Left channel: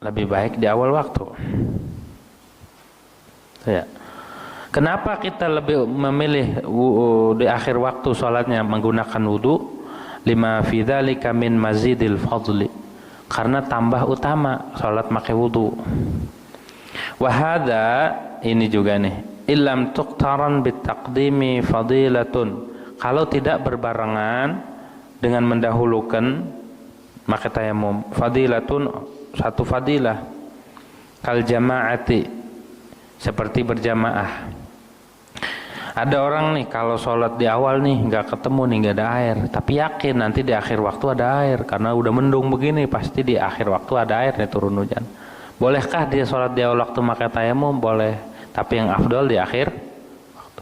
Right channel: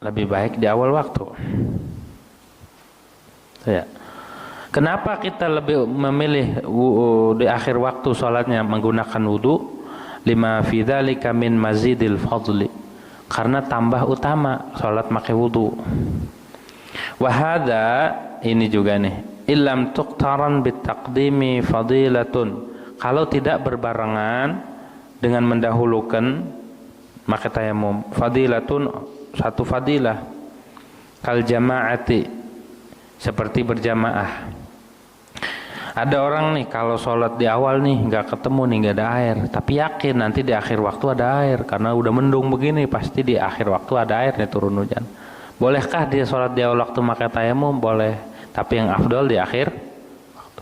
lebih baik di awal waktu. Ya. Kenapa kita lebih memilih di akhir waktu sholatnya menggunakan wudu? Lima fi dzalika min mazidil fadli. Karena tambah utama sholat pakai wudu. Wa hadza, ini juga nih, illam tuqtaran bitaqdimi fadilatun. Kalau tidak berbarengan dengan mendahulukan maka tayamum, fadilatun, satu fadilah, kal jama'ati, seperti berjamaah. Ada orang nih kalau sholat di awal nih nggak ketemu nih, nggak ada air, tapi yakin nanti di akhir waktu ada air karena udah mendung begini, pasti di akhir waktu ada air nih, turun hujan. Bolehkah dia sholat di awal waktu pakai tayamum? Boleh, tapi yang afdal di akhir waktu.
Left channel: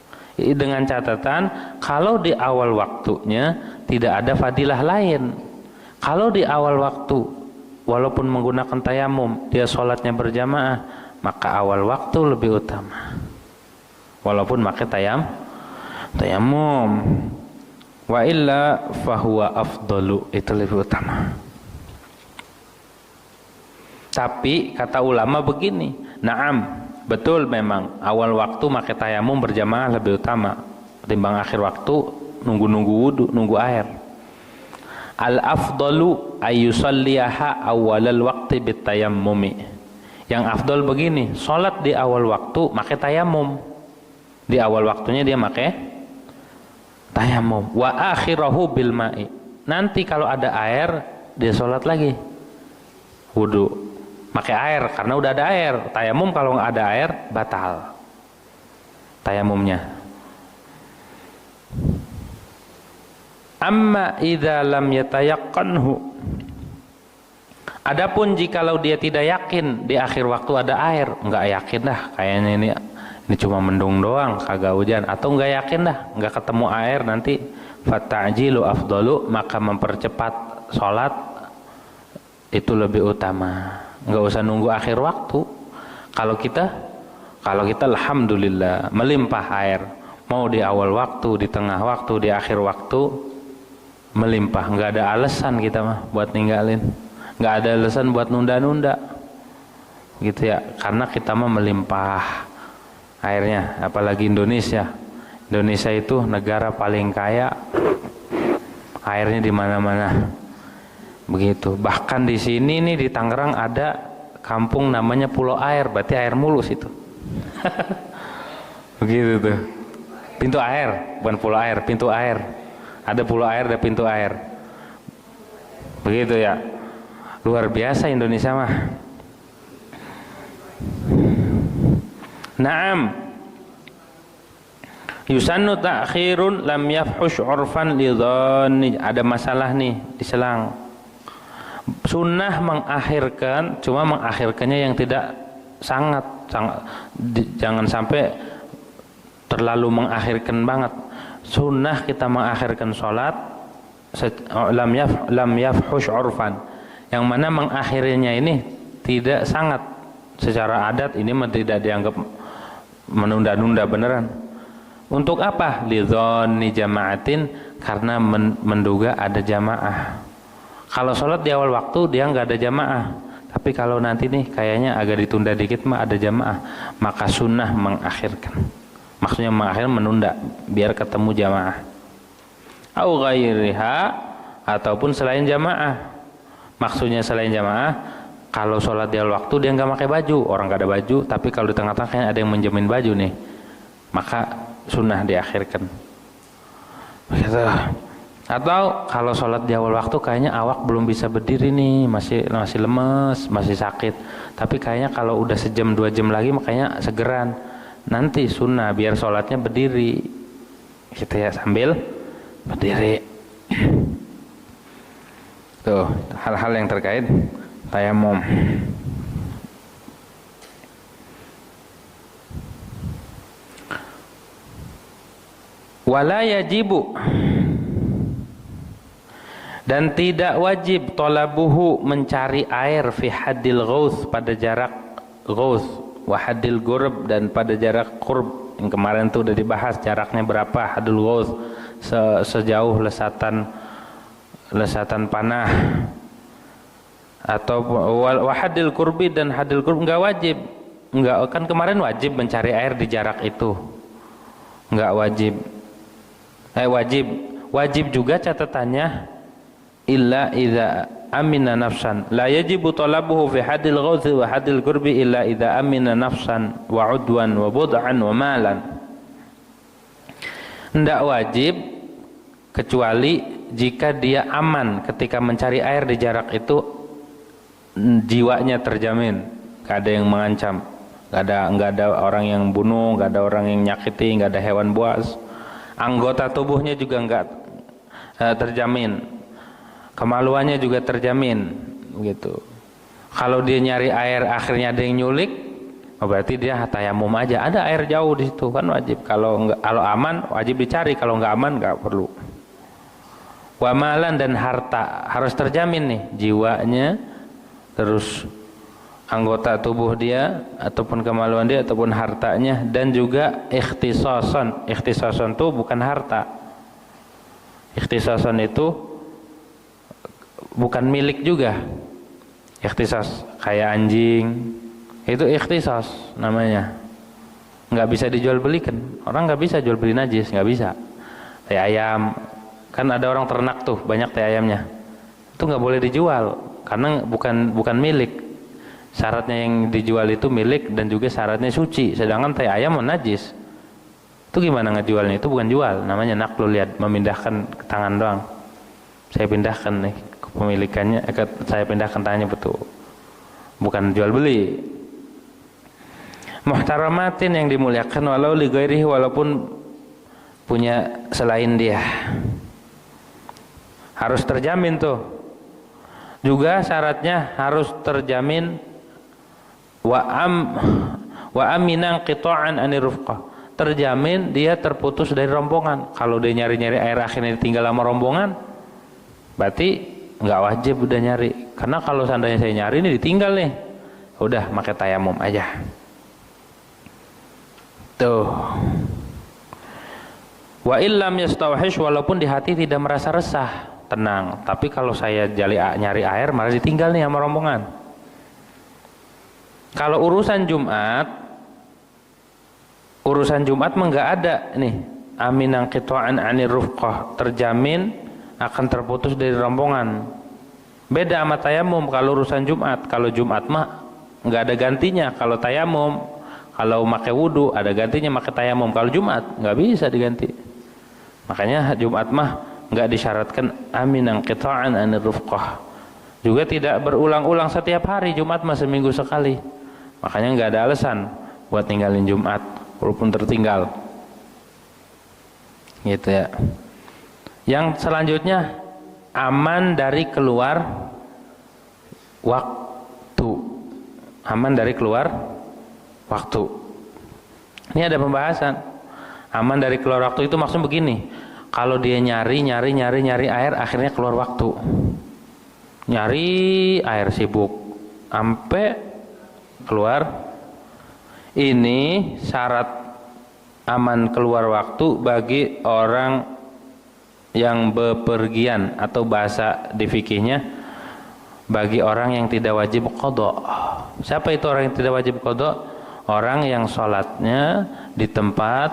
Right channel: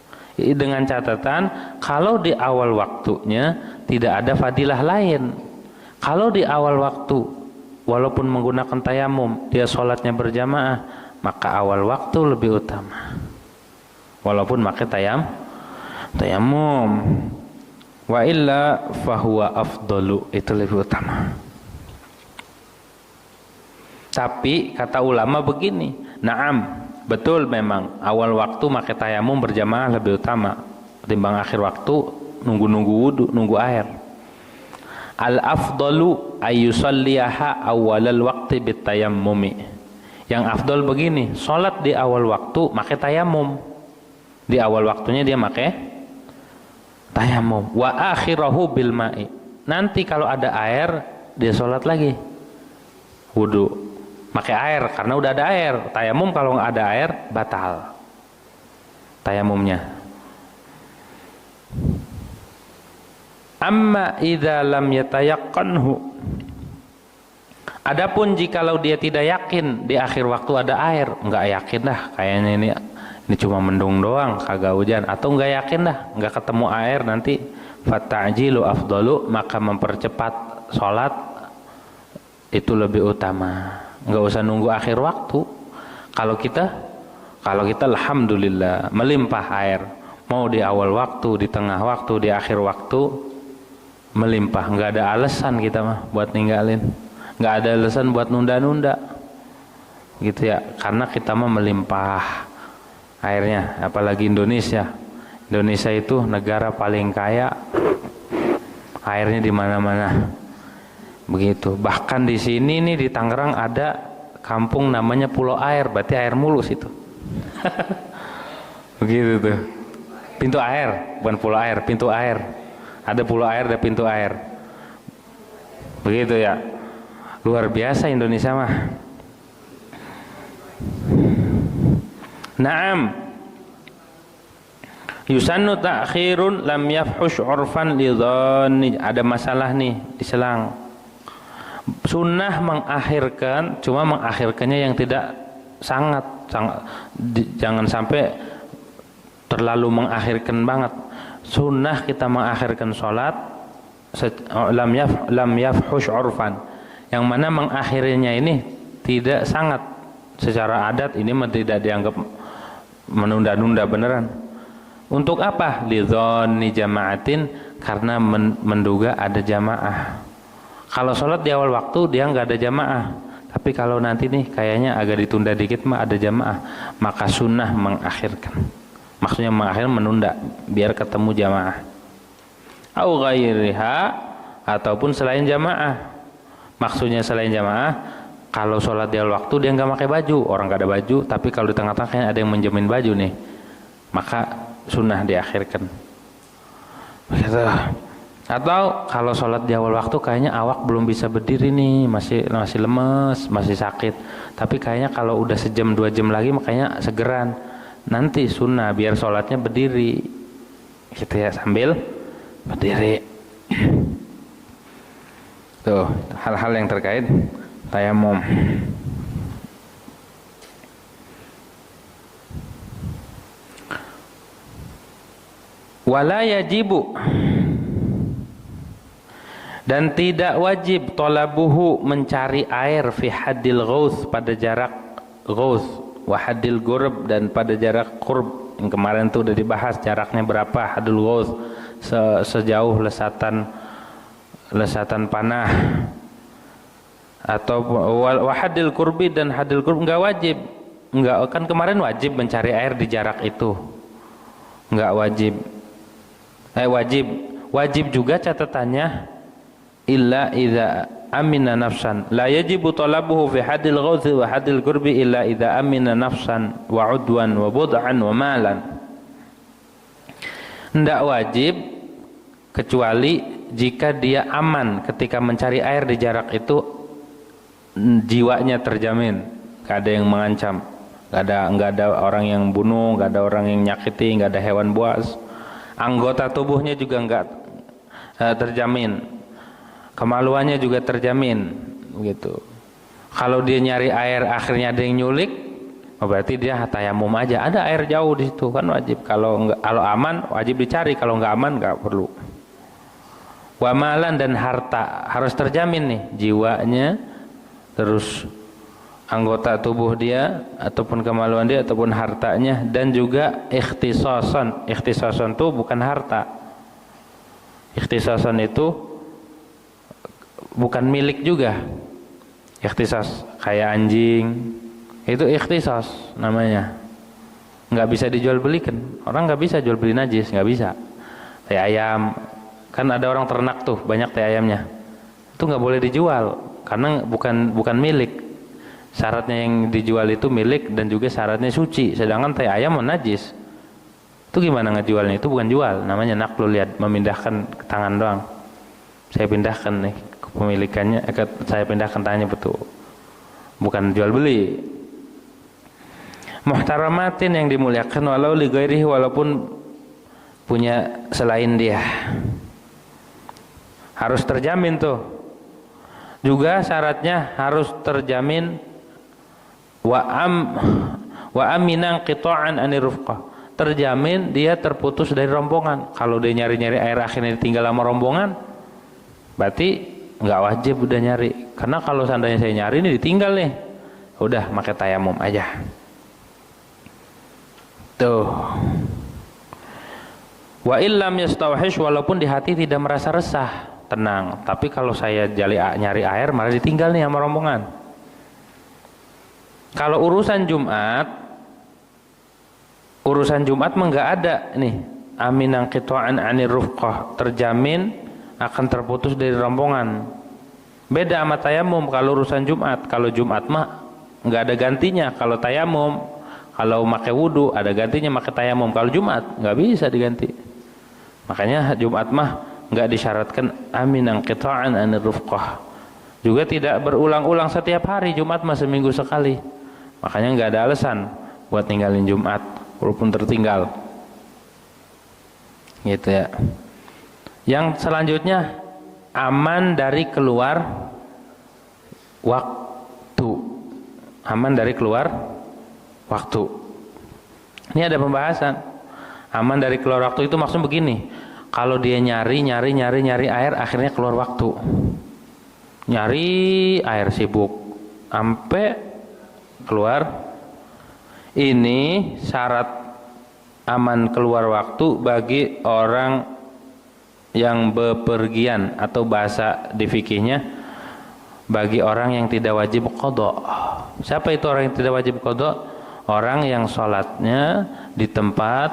Dengan catatan kalau di awal waktunya tidak ada fadilah lain. Kalau di awal waktu walaupun menggunakan tayamum dia sholatnya berjamaah, maka awal waktu lebih utama. Walaupun pakai tayamum. Wa illa fahuwa afdalu, itu lebih utama. Tapi kata ulama begini, na'am, betul memang awal waktu pakai tayamum berjamaah lebih utama ketimbang akhir waktu nunggu wudu, nunggu air. Al afdalu ayyusalliha awalal waqti bitayammumi. Yang afdal begini, salat di awal waktu pakai tayamum. Di awal waktunya dia pakai tayamum. Wa akhirahu bil ma'i. Nanti kalau ada air dia salat lagi. Wudu pakai air karena udah ada air. Tayamum kalau nggak ada air batal tayamumnya. Amma idza lam yatayaqqanhu. Adapun jikalau dia tidak yakin di akhir waktu ada air, nggak yakin dah kayaknya ini cuma mendung doang, kagak hujan, atau nggak yakin dah nggak ketemu air nanti, fata'jilu afdalu, maka mempercepat sholat itu lebih utama. Nggak usah nunggu akhir waktu. Kalau kita alhamdulillah melimpah air, mau di awal waktu, di tengah waktu, di akhir waktu melimpah, nggak ada alasan kita mah buat ninggalin, nggak ada alasan buat nunda-nunda gitu ya, karena kita mah melimpah airnya. Apalagi Indonesia itu negara paling kaya, airnya di mana-mana begitu. Bahkan di sini nih di Tangerang ada kampung namanya Pulau Air, berarti air mulus itu. Begitu tuh, pintu air, bukan pulau air, pintu air. Ada pulau air, ada pintu air. Begitu ya, luar biasa Indonesia mah. Naam, yusannu ta'khirun lam yafhush urfan lidhanni. Ada masalah nih diselang. Sunnah mengakhirkan, cuma mengakhirkannya yang tidak sangat jangan sampai terlalu mengakhirkan banget. Sunnah kita mengakhirkan sholat lam yafhush urfan, yang mana mengakhirinya ini tidak sangat secara adat, ini tidak dianggap menunda-nunda beneran. Untuk apa? Lidhonni jama'atin, karena menduga ada jamaah. Kalau sholat di awal waktu dia nggak ada jamaah, tapi kalau nanti nih kayaknya agak ditunda dikit mah ada jamaah, maka sunnah mengakhirkan. Maksudnya mengakhirkan, menunda biar ketemu jamaah. Au ghairiha, ataupun selain jamaah. Maksudnya selain jamaah, kalau sholat di awal waktu dia nggak pakai baju, orang nggak ada baju, tapi kalau di tengah-tengah kayaknya ada yang menjamin baju nih, maka sunnah diakhirkan. Begitu. Atau kalau sholat di awal waktu kayaknya awak belum bisa berdiri nih, masih lemes, masih sakit, tapi kayaknya kalau udah sejam 2 jam lagi makanya segeran, nanti sunnah biar sholatnya berdiri gitu ya, sambil berdiri. Tuh hal-hal yang terkait tayamum. Wala yajibu, dan tidak wajib talabuhu, mencari air, fi haddil ghaus, pada jarak ghaus, wa haddil gurb, dan pada jarak qurb. Yang kemarin tuh udah dibahas jaraknya berapa haddul ghaus, sejauh lesatan panah, atau wa hadil qurbi, dan hadil qurb enggak wajib. Enggak, kan kemarin wajib mencari air di jarak itu. Enggak wajib. Wajib juga catatannya illa idza amina nafsan. La yajibu talabuhu fi hadil ghauth wa hadil qurbi illa idza amina nafsan wa udwan wa bud'an wa malan. Enggak wajib kecuali jika dia aman ketika mencari air di jarak itu, jiwanya terjamin, enggak ada yang mengancam, enggak ada orang yang bunuh, enggak ada orang yang nyakiti, enggak ada hewan buas. Anggota tubuhnya juga enggak terjamin, kemaluannya juga terjamin, gitu. Kalau dia nyari air akhirnya ada yang nyulik, berarti dia tayamum aja. Ada air jauh di situ, kan wajib. Kalau aman wajib dicari, kalau enggak aman enggak perlu. Wamalan, dan harta harus terjamin nih, jiwanya, terus anggota tubuh dia ataupun kemaluan dia ataupun hartanya, dan juga ikhtisasan. Ikhtisasan itu bukan harta. Ikhtisasan itu bukan milik juga. Ikhtisas kayak anjing, itu ikhtisas namanya. Nggak bisa dijual belikan. Orang nggak bisa jual beli najis, nggak bisa. Kayak ayam, kan ada orang ternak tuh banyak teh ayamnya. Itu nggak boleh dijual karena bukan milik. Syaratnya yang dijual itu milik dan juga syaratnya suci. Sedangkan teh ayam najis. Itu gimana ngejualnya? Itu bukan jual, namanya naqlul yad, memindahkan ke tangan doang. Saya pindahkan nih kepemilikannya, saya pindahkan tangannya, betul. Bukan jual beli. Muhtaramatin, yang dimuliakan, walau li ghairihi, walaupun punya selain dia. Harus terjamin tuh. Juga syaratnya harus terjamin wa aminan qita'an anir rufqah. Terjamin dia terputus dari rombongan. Kalau dia nyari-nyari air akhirnya ditinggal sama rombongan, berarti nggak wajib udah nyari. Karena kalau seandainya saya nyari ini ditinggal nih, udah pakai tayamum aja. Tuh. Wa illam yastawhish, walaupun di hati tidak merasa resah, tenang. Tapi kalau saya nyari air malah ditinggal nih sama rombongan. Kalau urusan Jumat mah nggak ada nih. Aminan qita'an anir rufqah, terjamin akan terputus dari rombongan. Beda sama tayamum kalau urusan Jumat. Kalau Jumat mah nggak ada gantinya. Kalau tayamum, kalau pakai wudu ada gantinya pakai tayamum. Kalau Jumat nggak bisa diganti. Makanya Jumat mah nggak disyaratkan aminan qita'an anir rufqah. Juga tidak berulang-ulang setiap hari, Jumat mah seminggu sekali. Makanya nggak ada alasan buat ninggalin Jumat walaupun tertinggal. Gitu ya. Yang selanjutnya, aman dari keluar waktu. Aman dari keluar waktu. Ini ada pembahasan. Aman dari keluar waktu itu maksudnya begini. Kalau dia nyari air, akhirnya keluar waktu. Nyari air, sibuk sampai keluar. Ini syarat aman keluar waktu bagi orang yang bepergian, atau bahasa di fikihnya bagi orang yang tidak wajib qadha. Siapa itu orang yang tidak wajib qadha? Orang yang sholatnya di tempat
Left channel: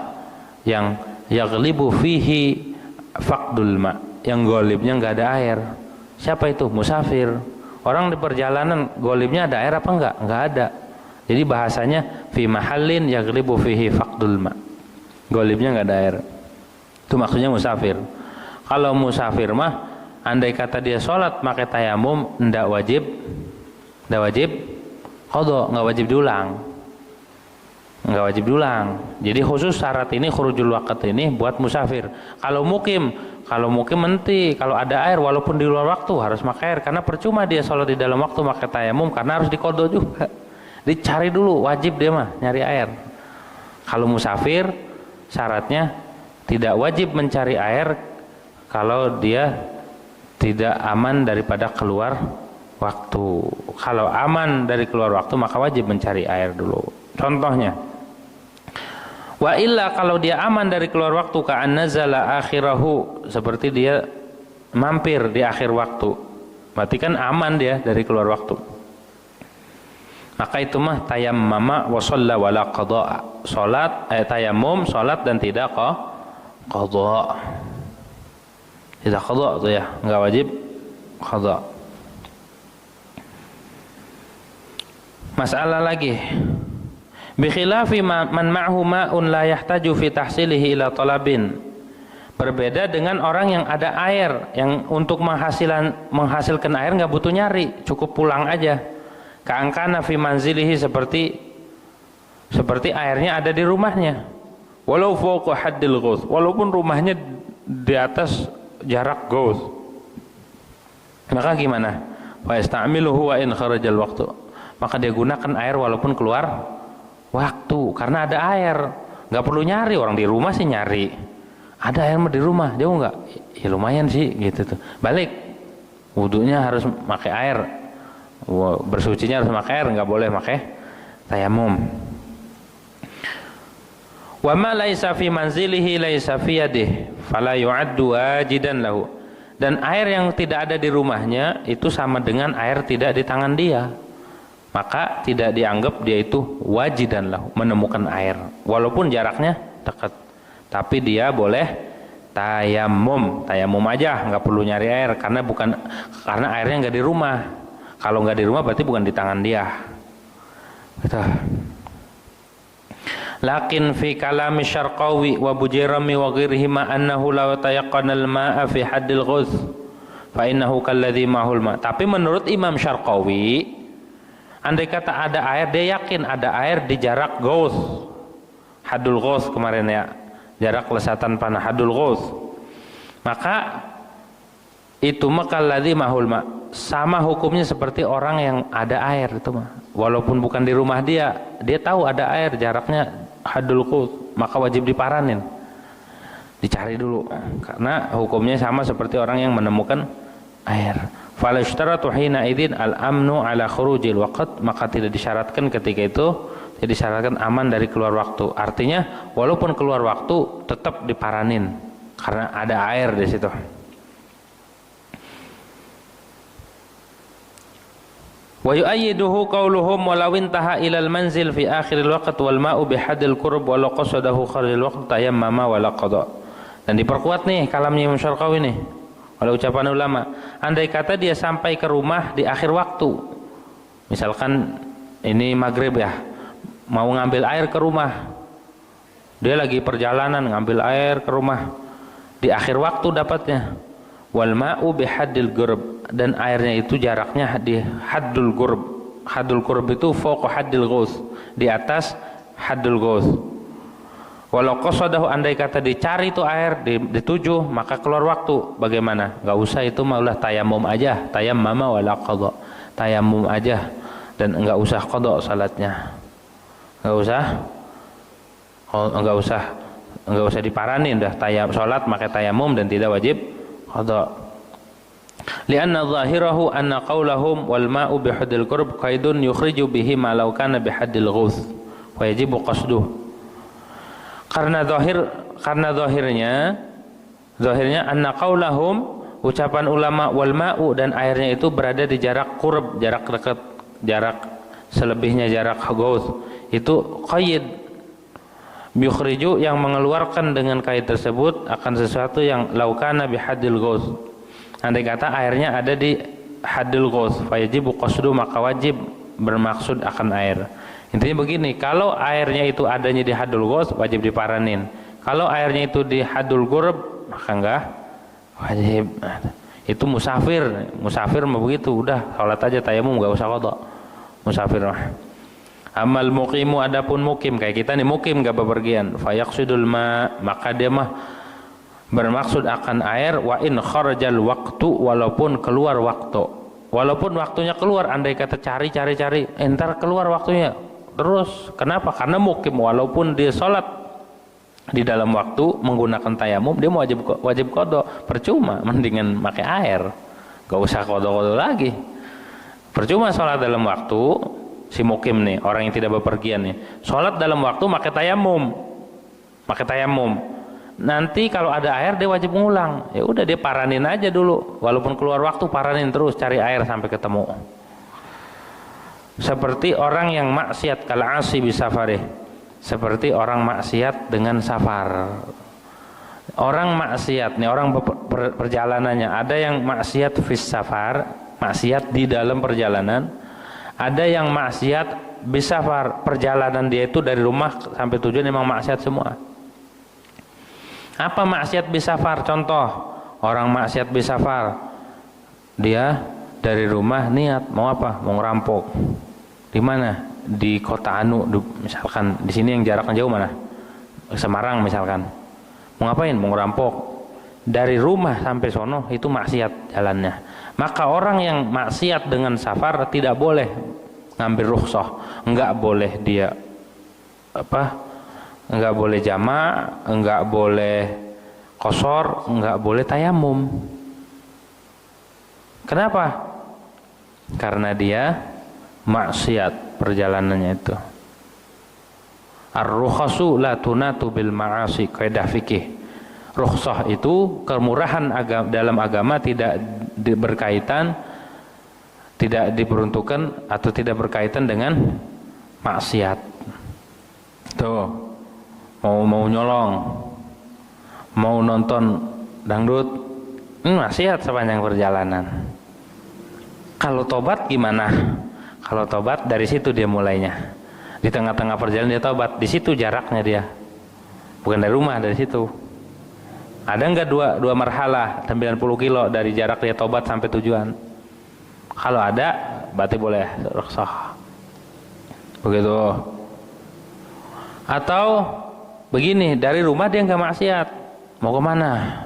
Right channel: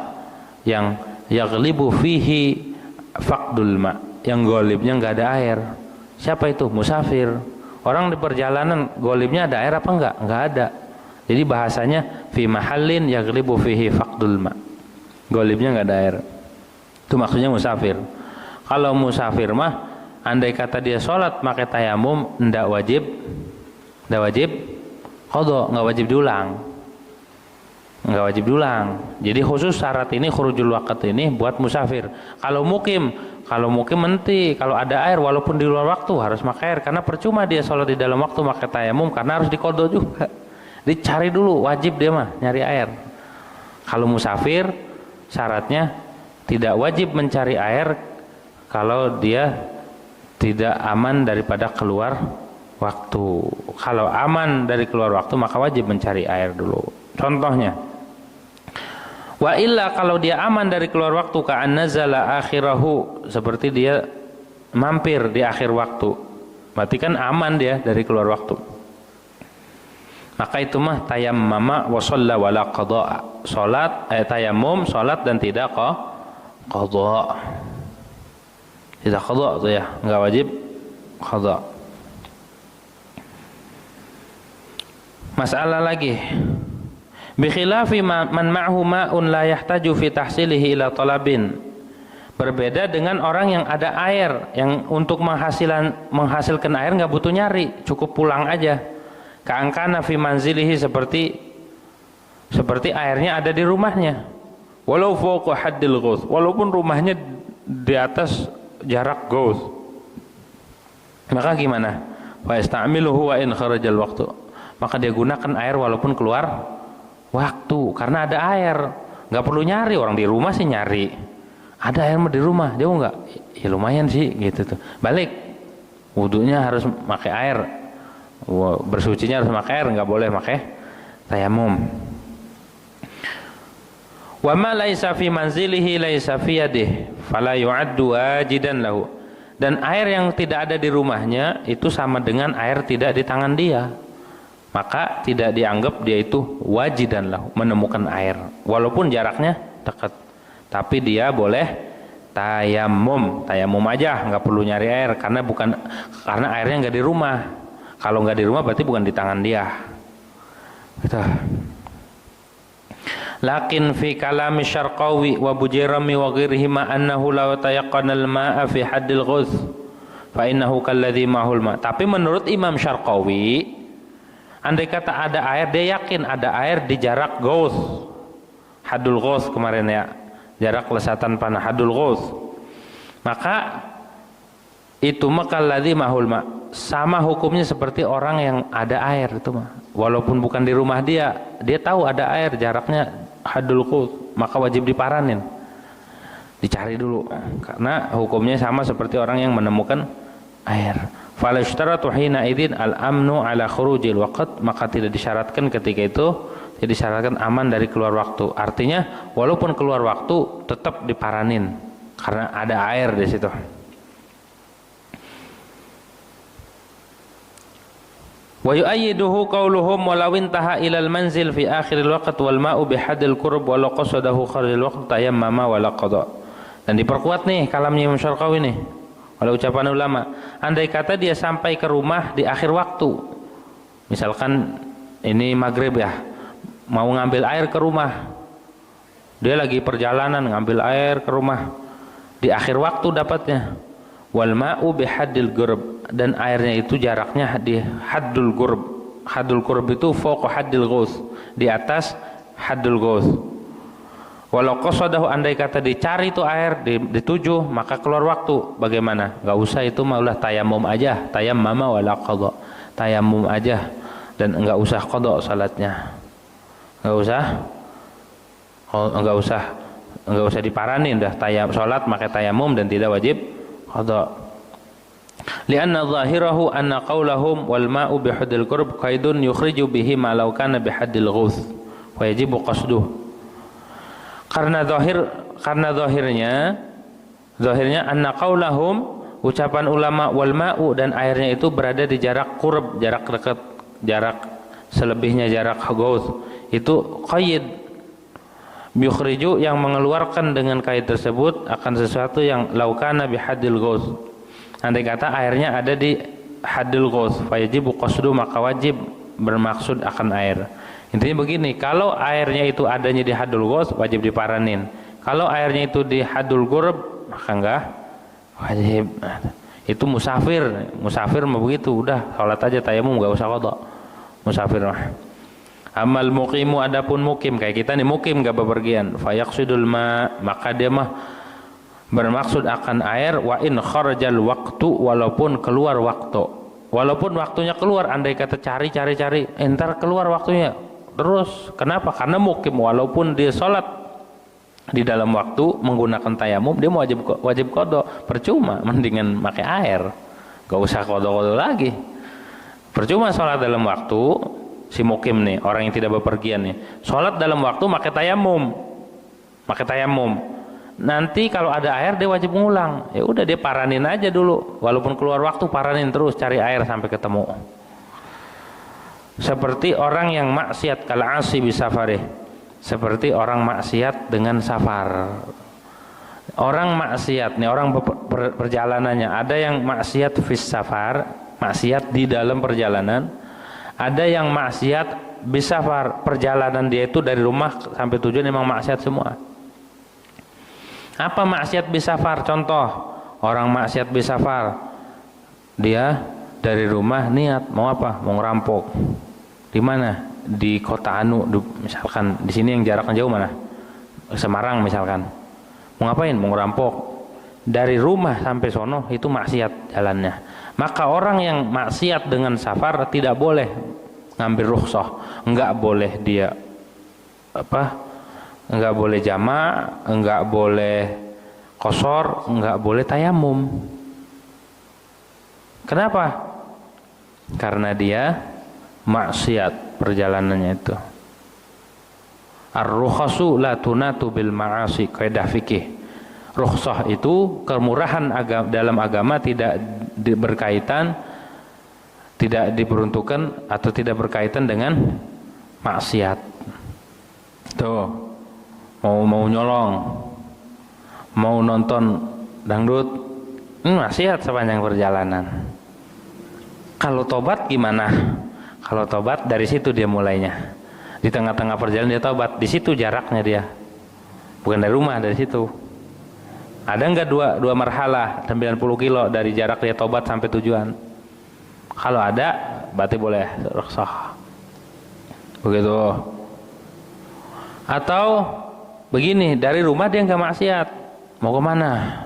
yang yaghlibu fihi faqdul ma, yang golibnya nggak ada air. Siapa itu? Musafir. Orang di perjalanan golibnya ada air apa enggak? Enggak ada. Jadi bahasanya fi mahallin yaghlibu fihi faqdul ma, golibnya enggak ada air. Itu maksudnya musafir. Kalau musafir mah andai kata dia sholat pakai tayamum, enggak wajib qadha, enggak wajib diulang. Enggak wajib diulang. Jadi khusus syarat ini, khurujul waqt ini buat musafir. Kalau mukim nanti kalau ada air walaupun di luar waktu harus pakai air, karena percuma dia sholat di dalam waktu pakai tayamum karena harus diqadha juga. Dicari dulu, wajib dia mah nyari air. Kalau musafir syaratnya tidak wajib mencari air kalau dia tidak aman daripada keluar waktu. Kalau aman dari keluar waktu maka wajib mencari air dulu. Contohnya, wa illa, kalau dia aman dari keluar waktu, ka'an nazala akhirahu, seperti dia mampir di akhir waktu. Berarti kan aman dia dari keluar waktu. Maka itu mah tayammama wa shalla wala qada. Salat tayammum, salat dan tidak qada. Tidak qada tuh ya, enggak wajib qada. Masalah lagi. Bi khilafi man ma'hu ma'un la yahtaju fi tahsilihi ila talabin. Berbeda dengan orang yang ada air, yang untuk menghasilkan air nggak butuh nyari, cukup pulang aja. Ka'angkana fi manzilihi, seperti airnya ada di rumahnya. Walau fawqa haddil ghauth, walaupun rumahnya di atas jarak ghauth. Maka gimana? Fa yasta'miluhu wa in kharajal waqtu. Maka dia gunakan air walaupun keluar waktu, karena ada air. Nggak perlu nyari, orang di rumah sih nyari. Ada air di rumah, jauh nggak? Ya lumayan sih, gitu tuh. Balik, wudunya harus pakai air, bersucinya harus pakai air, nggak boleh pakai tayamum. Wa ma laisa fi manzilihi laisa fi yadihi, fala yu'addu wajidan lahu. Dan air yang tidak ada di rumahnya itu sama dengan air tidak di tangan dia, maka tidak dianggap dia itu wajidan lahu, menemukan air, walaupun jaraknya dekat. Tapi dia boleh tayamum aja, nggak perlu nyari air, karena airnya nggak di rumah. Kalau nggak di rumah berarti bukan di tangan dia. Gitu. Lakin fi kalami Syarqawi wa Bujairami wa ghairihima annahu law tayaqqana al-ma'a fi haddil ghusl fa innahu kalladhi ma'hul ma'. Tapi menurut Imam Syarqawi, andai kata ada air, dia yakin ada air di jarak ghusl. Haddul ghusl kemarin ya, jarak lesatan panah, hadul ghusl. Maka itu makalladzi mahul ma, sama hukumnya seperti orang yang ada air itu mah. Walaupun bukan di rumah dia tahu ada air, jaraknya hadul ghusl, maka wajib diparanin. Dicari dulu, karena hukumnya sama seperti orang yang menemukan air. Fala yushtaratu hina idzin al-amnu ala khurujil waqt, maka tidak disyaratkan ketika itu, jadi syaratkan aman dari keluar waktu. Artinya walaupun keluar waktu tetap diparanin karena ada air di situ. Wa yu'ayyiduhu qauluhum walau intaha ilal manzil fi akhiril waqt wal ma'u bihadil qurb walau qasadahu kharijil waqt tayammama wala qada. Dan diperkuat nih kalamnya Imam Syarqawi nih oleh ucapan ulama. Andai kata dia sampai ke rumah di akhir waktu, misalkan ini maghrib ya, mau ngambil air ke rumah, dia lagi perjalanan ngambil air ke rumah, di akhir waktu dapatnya. Wal ma'u bihaddil qurb, dan airnya itu jaraknya di haddul qurb. Haddul qurb itu fawqa haddil ghusl, di atas haddul ghusl. Walau qasadahu, andai kata dicari itu air, dituju, maka keluar waktu. Bagaimana? Enggak usah, itu maulah tayamum aja, tayammama wala qada. Tayamum aja dan enggak usah qada salatnya. Enggak usah diparanin dah, salat pakai tayamum dan tidak wajib qada. Lianna zahirahu anna qaulahum wal ma'u bihaddil qurb qaidun yukhriju bihi ma law kana bihaddil ghusl wa yajibu qasduh. Karena zahirnya anna qaulahum, ucapan ulama, wal ma'u, dan airnya itu berada di jarak qurb, jarak dekat, jarak selebihnya jarak ghusl. Itu qaid yukhriju, yang mengeluarkan dengan qaid tersebut akan sesuatu yang laukana bihaddil ghusl. Andai kata airnya ada di haddil ghusl, fayajibu qasdu, maka wajib bermaksud akan air. Intinya begini, kalau airnya itu adanya di haddul ghusl wajib diparanin. Kalau airnya itu di haddul qurb maka enggak wajib. Itu musafir mah begitu, udah salat aja tayamum, enggak usah qada. Musafir mah. Amal muqimu, adapun mukim kayak kita nih, mukim enggak bepergian, fayaqsidul ma, maka dia mah bermaksud akan air. Wa in kharajal waqtu, walaupun keluar waktu. Walaupun waktunya keluar, andai kata cari entar keluar waktunya terus. Kenapa? Karena mukim walaupun dia sholat di dalam waktu menggunakan tayamum, dia wajib qada. Percuma, mendingan pakai air, gak usah qada lagi. Percuma sholat dalam waktu, si mukim nih, orang yang tidak bepergian nih, sholat dalam waktu pakai tayamum. nanti kalau ada air dia wajib ngulang. Ya udah dia paranin aja dulu, walaupun keluar waktu paranin terus cari air sampai ketemu. Seperti orang yang maksiat kal'asi bisafarih, seperti orang maksiat dengan safar. Orang maksiat nih, orang perjalanannya, ada yang maksiat fis safar, maksiat di dalam perjalanan, ada yang maksiat bisafar, perjalanan dia itu dari rumah sampai tujuan memang maksiat semua. Apa maksiat bisafar? Contoh, orang maksiat bisafar, dia dari rumah niat mau apa? Mau ngerampok. Di mana? Di kota Anu, misalkan di sini yang jaraknya jauh mana? Semarang misalkan. Mau ngapain? Mau ngerampok. Dari rumah sampai sono itu maksiat jalannya. Maka orang yang maksiat dengan safar tidak boleh ngambil rukhsah, enggak boleh dia enggak boleh jama', enggak boleh qashar, enggak boleh tayamum. Kenapa? Karena dia maksiat perjalanannya itu. Ar-rukhasu la tunatu bil ma'asi, kaidah fikih. Rukhsah itu kemurahan dalam agama tidak berkaitan, tidak diperuntukkan atau tidak berkaitan dengan maksiat. Tuh. Mau nyolong, mau nonton dangdut, maksiat sepanjang perjalanan. Kalau tobat gimana? Kalau tobat dari situ dia mulainya. Di tengah-tengah perjalanan dia tobat, di situ jaraknya dia. Bukan dari rumah, dari situ. Ada enggak dua marhalah 90 kilo dari jarak dia tobat sampai tujuan? Kalau ada, berarti boleh rukhsah. Begitu. Atau begini, dari rumah dia nggak maksiat, mau kemana?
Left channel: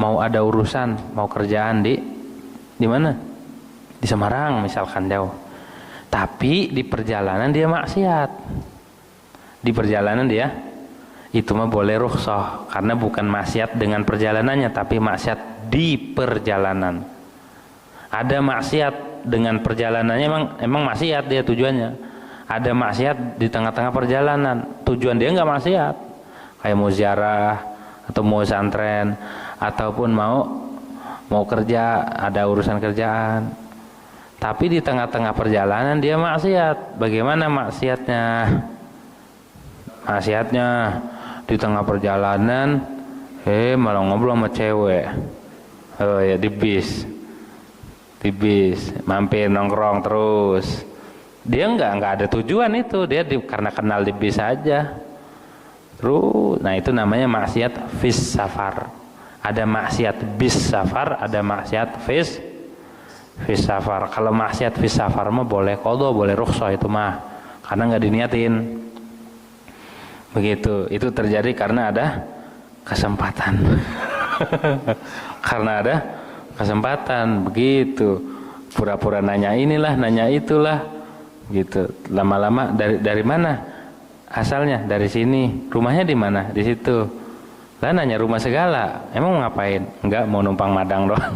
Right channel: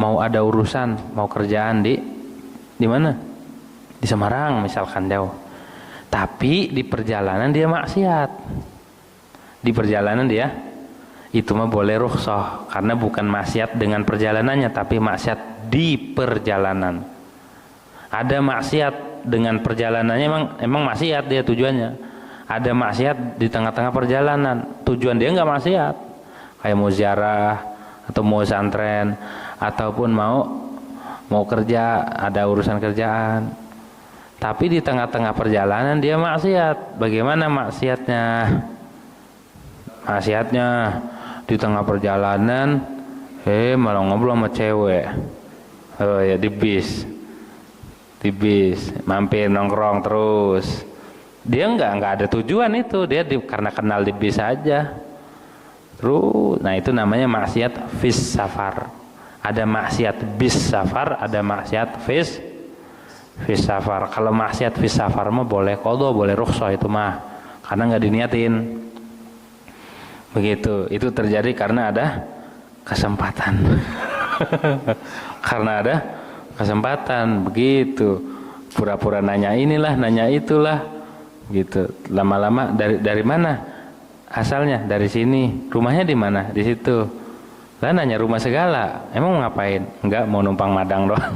Mau ada urusan, mau kerjaan di mana? Di Semarang misalkan jauh. Tapi di perjalanan dia maksiat. Di perjalanan dia itu mah boleh rukhsah karena bukan maksiat dengan perjalanannya, tapi maksiat di perjalanan. Ada maksiat dengan perjalanannya, emang maksiat dia tujuannya. Ada maksiat di tengah-tengah perjalanan, tujuan dia nggak maksiat. Kayak mau ziarah atau mau santren ataupun mau kerja, ada urusan kerjaan. Tapi di tengah-tengah perjalanan dia maksiat. Bagaimana maksiatnya? Maksiatnya di tengah perjalanan malah ngobrol sama cewek. Oh ya, di bis mampir nongkrong terus. Dia nggak ada tujuan itu, dia karena kenal di bis aja. Terus, nah itu namanya maksiat fis safar. Ada maksiat bis safar, ada maksiat fis safar. Kalau maksiat fis safar mah boleh qadha, boleh rukhsah itu mah, karena nggak diniatin. Begitu, itu terjadi karena ada kesempatan. Karena ada kesempatan, begitu. Pura-pura nanya inilah, nanya itulah, gitu. Lama-lama dari mana? Asalnya dari sini, rumahnya di mana? Di situ. Lah nanya rumah segala, emang mau ngapain? Enggak, mau numpang madang doang.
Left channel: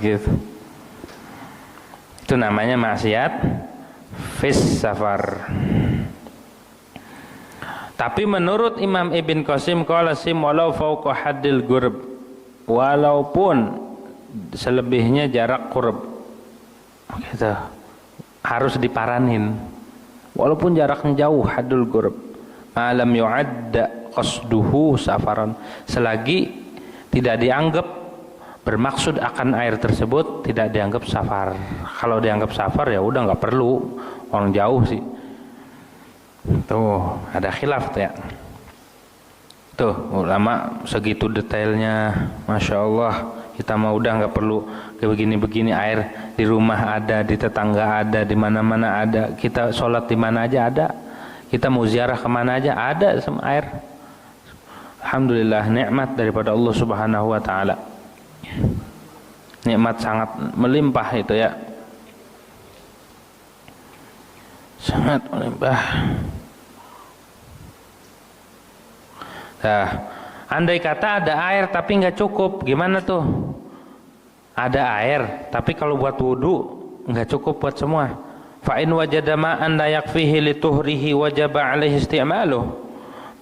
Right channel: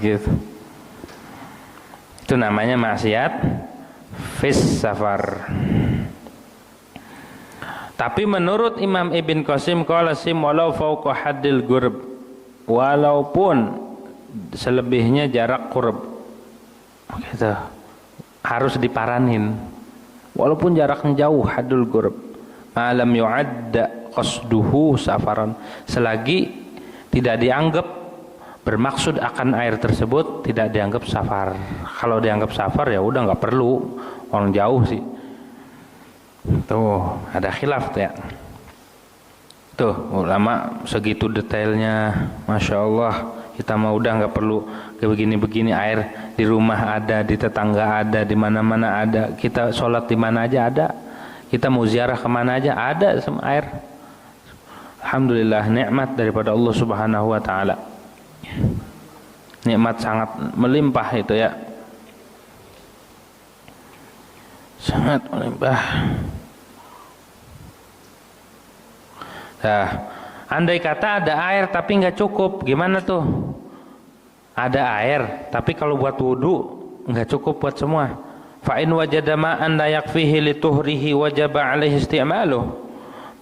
Gitu. Itu namanya maksiat fis safar. Tapi menurut Imam Ibn Qasim, qala sim walau fauqa haddil qurb, walaupun selebihnya jarak qurb, gitu, harus diparanin. Walaupun jaraknya jauh, hadul qurb, alam yu'adda qasduhu safaran, selagi tidak dianggap bermaksud akan air tersebut, tidak dianggap safar. Kalau dianggap safar ya udah nggak perlu, orang jauh sih. Tuh ada khilaf tuh ya. Tuh ulama segitu detailnya, masya Allah. Kita mau udah nggak perlu kayak begini-begini, air di rumah ada, di tetangga ada, di mana-mana ada. Kita sholat di mana aja ada. Kita mau ziarah kemana aja ada semua air. Alhamdulillah, nikmat daripada Allah Subhanahu Wa Taala. Nikmat sangat melimpah itu ya. Sangat melimpah. Nah, andai kata ada air tapi nggak cukup, gimana tuh? Ada air, tapi kalau buat wudu nggak cukup buat semua. Fa in wajada ma'an la yakfihi li tuhrihi wajaba alaihi isti'maluh.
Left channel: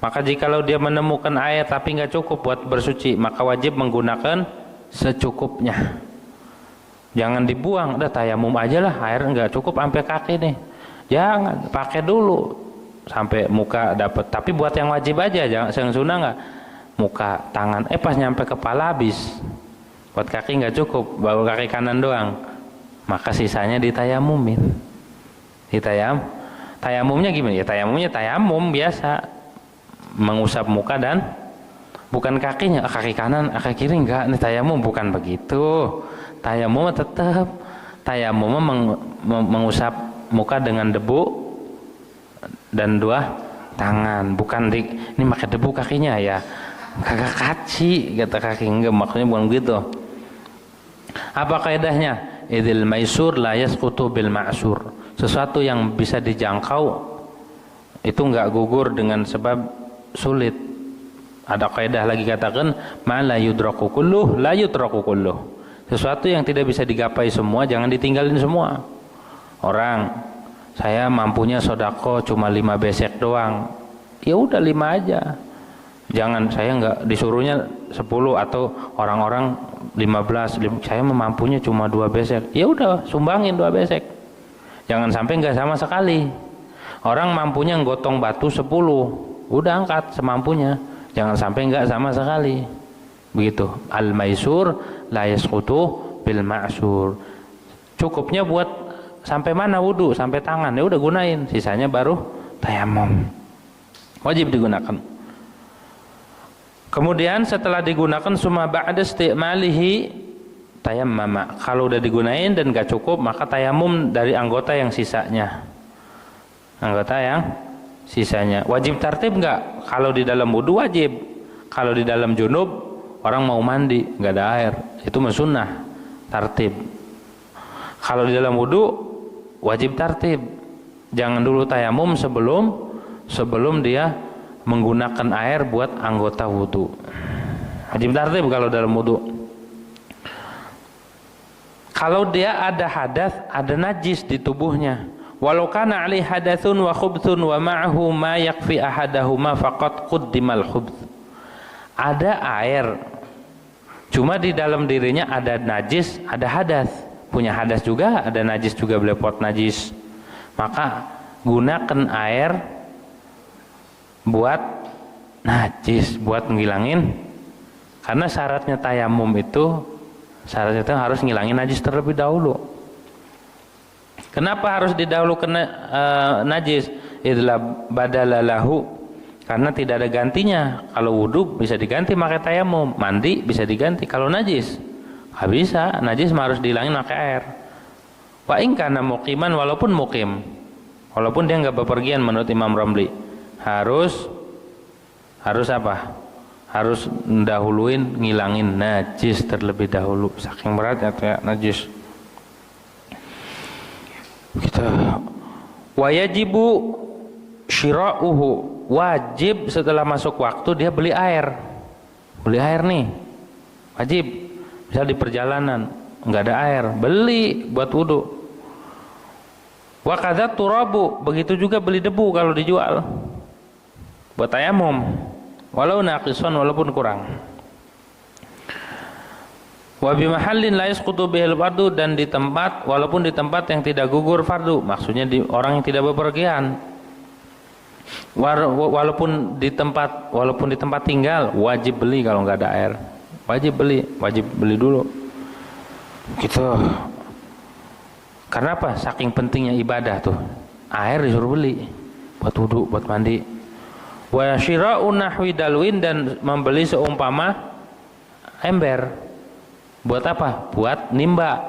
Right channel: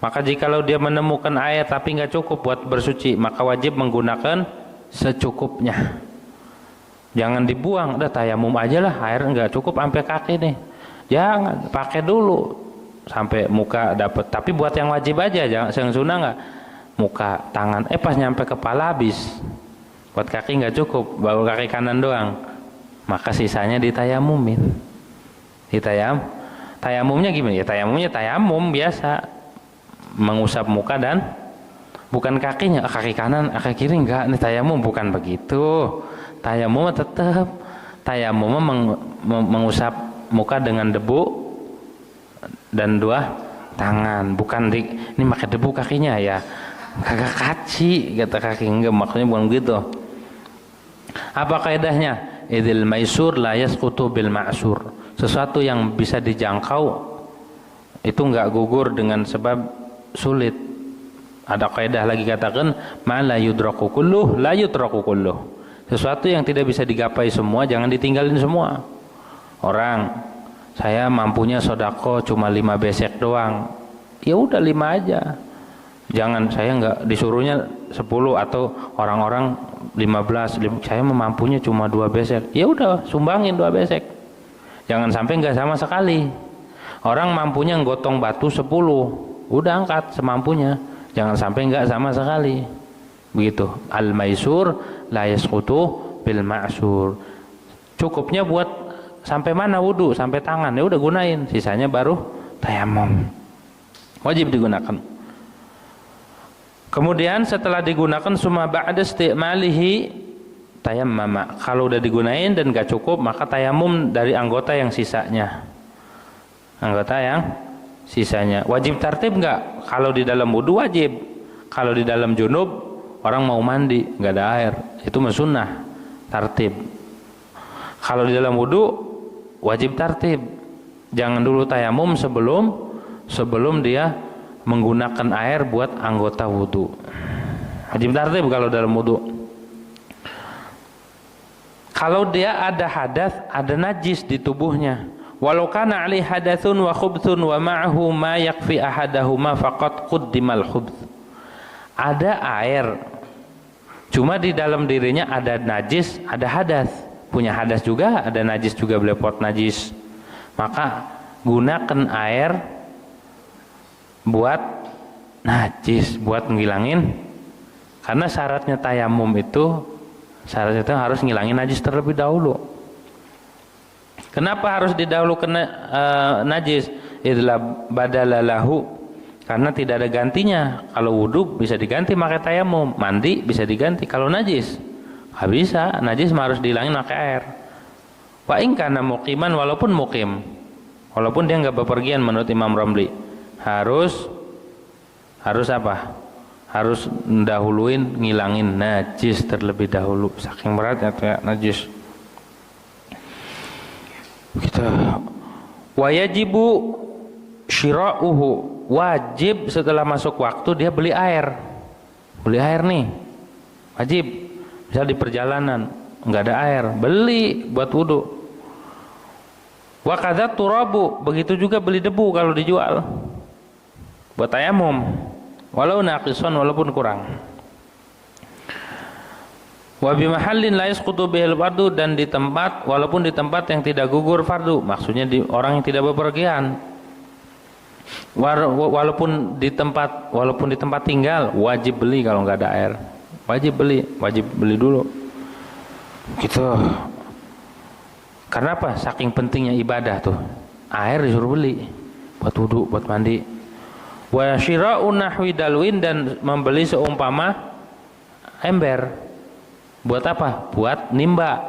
Maka jikalau dia menemukan air tapi nggak cukup buat bersuci, maka wajib menggunakan secukupnya. Jangan dibuang, udah tayamum aja lah, air nggak cukup sampai kaki nih. Jangan, pakai dulu sampai muka dapat. Tapi buat yang wajib aja, jangan yang sunnah nggak. Muka, tangan, pas nyampe kepala habis. Buat kaki nggak cukup, baru kaki kanan doang. Maka sisanya ditayamumin. Tayamumnya gimana? Ya tayamumnya tayamum biasa. Mengusap muka dan bukan kakinya, kaki kanan, kaki kiri enggak. Nih tayamum bukan begitu. Tayamum tetap tayamum mengusap muka dengan debu dan dua tangan, bukan ini pakai debu kakinya ya. Kagak kaci kata kaki, enggak, maksudnya bukan begitu. Apa kaidahnya? Idzil maisur la yasqutu bil ma'sur. Sesuatu yang bisa dijangkau itu enggak gugur dengan sebab sulit. Ada kaidah lagi katakan ma la yudraku kulluh la yutraku kulluh. Sesuatu yang tidak bisa digapai semua jangan ditinggalin semua. Orang saya mampunya sodako cuma 5 besek doang, ya udah 5 aja. Jangan saya enggak disuruhnya 10 atau orang-orang 15, saya mampunya cuma 2 besek. Ya udah sumbangin 2 besek. Jangan sampai enggak sama sekali. Orang mampunya nggotong batu 10, udah angkat semampunya. Jangan sampai enggak sama sekali. Begitu. Al-maisur la yasqutu bil ma'sur. Cukupnya buat sampai mana wudu, sampai tangan. Ya udah gunain, sisanya baru tayamum. Wajib digunakan. Kemudian setelah digunakan summa ba'da istimalihi tayammama. Kalau udah digunain dan gak cukup, maka tayamum dari anggota yang sisanya. Anggota yang sisanya. Wajib tartib enggak? Kalau di dalam wudu wajib. Kalau di dalam junub, orang mau mandi enggak ada air, itu sunnah tartib. Kalau di dalam wudu wajib tartib. Jangan dulu tayamum sebelum dia menggunakan air buat anggota wudu. Wajib tartib kalau dalam wudu. Kalau dia ada hadas, ada najis di tubuhnya, walau kana ali hadatsun wa khubthun wa ma'ahu ma yakfi ahadahuma faqad quddimal khubth. Ada air, cuma di dalam dirinya ada najis, ada hadas. Punya hadas juga, ada najis juga, belepot najis. Maka gunakan air buat najis, buat ngilangin. Karena syaratnya tayamum itu, syaratnya itu harus ngilangin najis terlebih dahulu. Kenapa harus didahulukan najis? Idza badalalahu, karena tidak ada gantinya. Kalau wudu bisa diganti pakai tayamum, mandi bisa diganti. Kalau najis nggak bisa, najis harus dihilangin pakai air. Wa in kana muqiman, walaupun muqim, walaupun dia nggak bepergian menurut Imam Ramli, harus apa? Harus mendahuluin ngilangin najis terlebih dahulu. Saking beratnya kayak najis. Kita wa yajibu syira'uhu, wajib setelah masuk waktu dia beli air. Beli air nih, wajib. Misal di perjalanan nggak ada air, beli buat wudu. Wa kadzat turabu, begitu juga beli debu kalau dijual buat tayamum, walau naqison, walaupun kurang. Wa bi mahallin la yasqutu bihil fardu, dan di tempat, walaupun di tempat yang tidak gugur fardu, maksudnya di orang yang tidak bepergian. Walaupun di tempat tinggal, wajib beli kalau nggak ada air. Wajib beli dulu. Gitu. Karena apa? Saking pentingnya ibadah tuh. Air disuruh beli buat wudu, buat mandi. Wa syira'u nahwi dalwin, dan membeli seumpama ember. Buat apa? Buat nimba.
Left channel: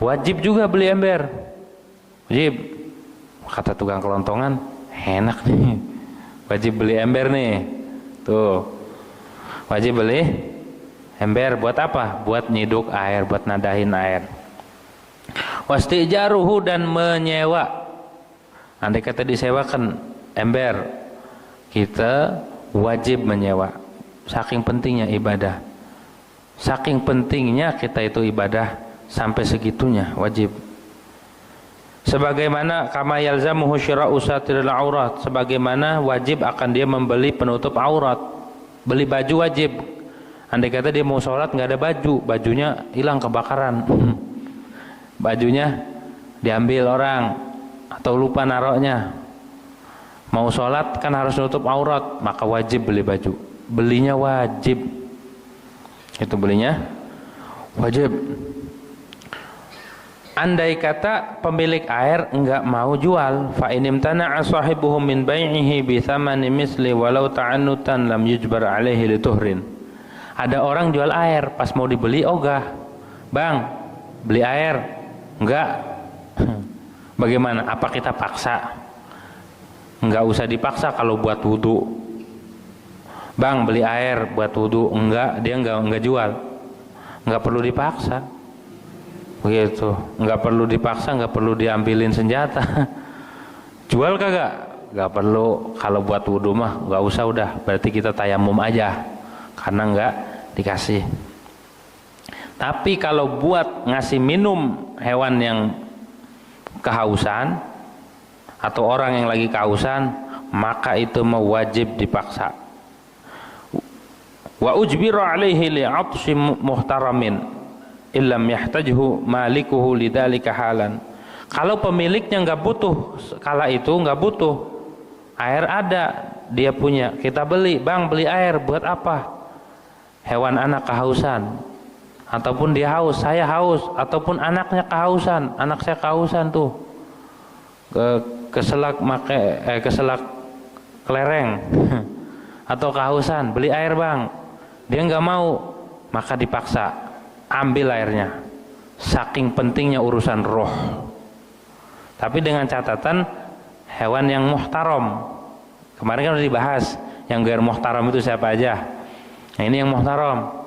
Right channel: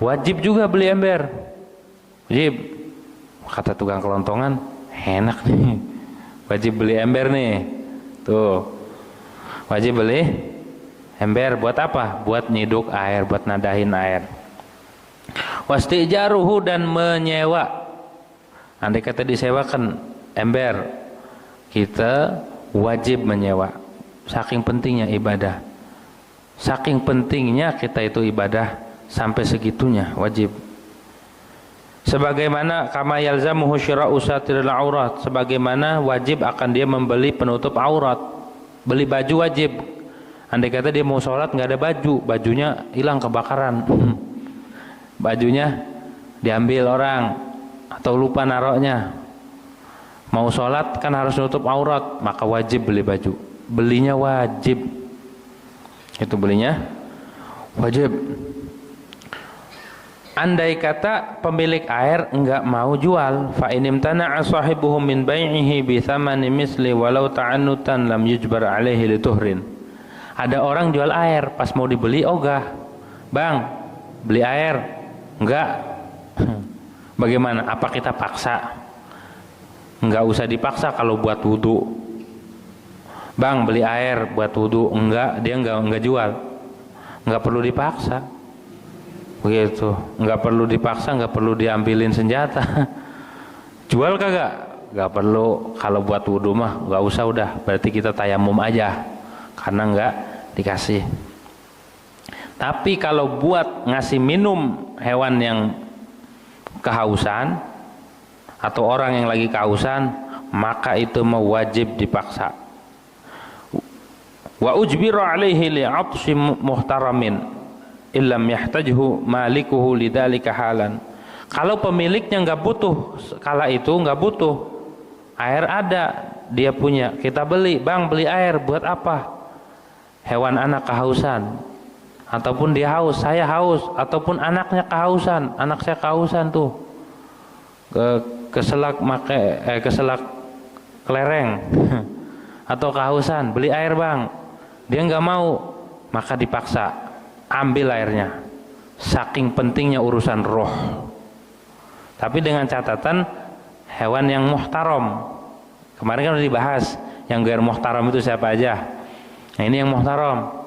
Wajib juga beli ember. Wajib. Kata tukang kelontongan, enak nih. Wajib beli ember nih. Tuh. Wajib beli ember buat apa? Buat nyiduk air, buat nadahin air. Wastijaruhu, dan menyewa. Andai kata disewakan ember, kita wajib menyewa. Saking pentingnya ibadah. Saking pentingnya kita itu ibadah, sampai segitunya wajib. Sebagaimana kama yalzamuhu syira'u satiril aurat, sebagaimana wajib akan dia membeli penutup aurat. Beli baju wajib. Andai kata dia mau sholat nggak ada baju, bajunya hilang kebakaran, bajunya diambil orang atau lupa naroknya. Mau sholat kan harus nutup aurat, maka wajib beli baju. Belinya wajib. Itu belinya wajib. Andai kata pemilik air enggak mau jual, fa in imtana'a sahibuhu min bai'ihi bi thamani misli walau ta'annutan lam yujbar alaihi lituhrin. Ada orang jual air, pas mau dibeli ogah. Bang, beli air. Enggak. Bagaimana? Apa kita paksa? Enggak usah dipaksa kalau buat wudu. Bang, beli air buat wudu. Enggak, dia enggak jual. Enggak perlu dipaksa. Begitu, nggak perlu dipaksa, nggak perlu diambilin senjata. Jual kagak? Nggak perlu. Kalau buat wudhu mah nggak usah, udah. Berarti kita tayamum aja, karena nggak dikasih. Tapi kalau buat ngasih minum hewan yang kehausan atau orang yang lagi kehausan, maka itu wajib dipaksa. Wa ujbira alaihi li'atshi muhtaramin illam yahtajhu malikuhu lidzalika halan. Kalau pemiliknya nggak butuh, kala itu nggak butuh, air ada, dia punya, kita beli, bang beli air buat apa? Hewan anak kehausan, ataupun dia haus, saya haus, ataupun anaknya kehausan, anak saya kehausan tuh, keselak kelereng, atau kehausan, beli air bang, dia nggak mau, maka dipaksa. Ambil airnya, saking pentingnya urusan roh. Tapi dengan catatan hewan yang muhtaram. Kemarin kan udah dibahas yang gair muhtaram itu siapa aja. Nah ini yang muhtaram.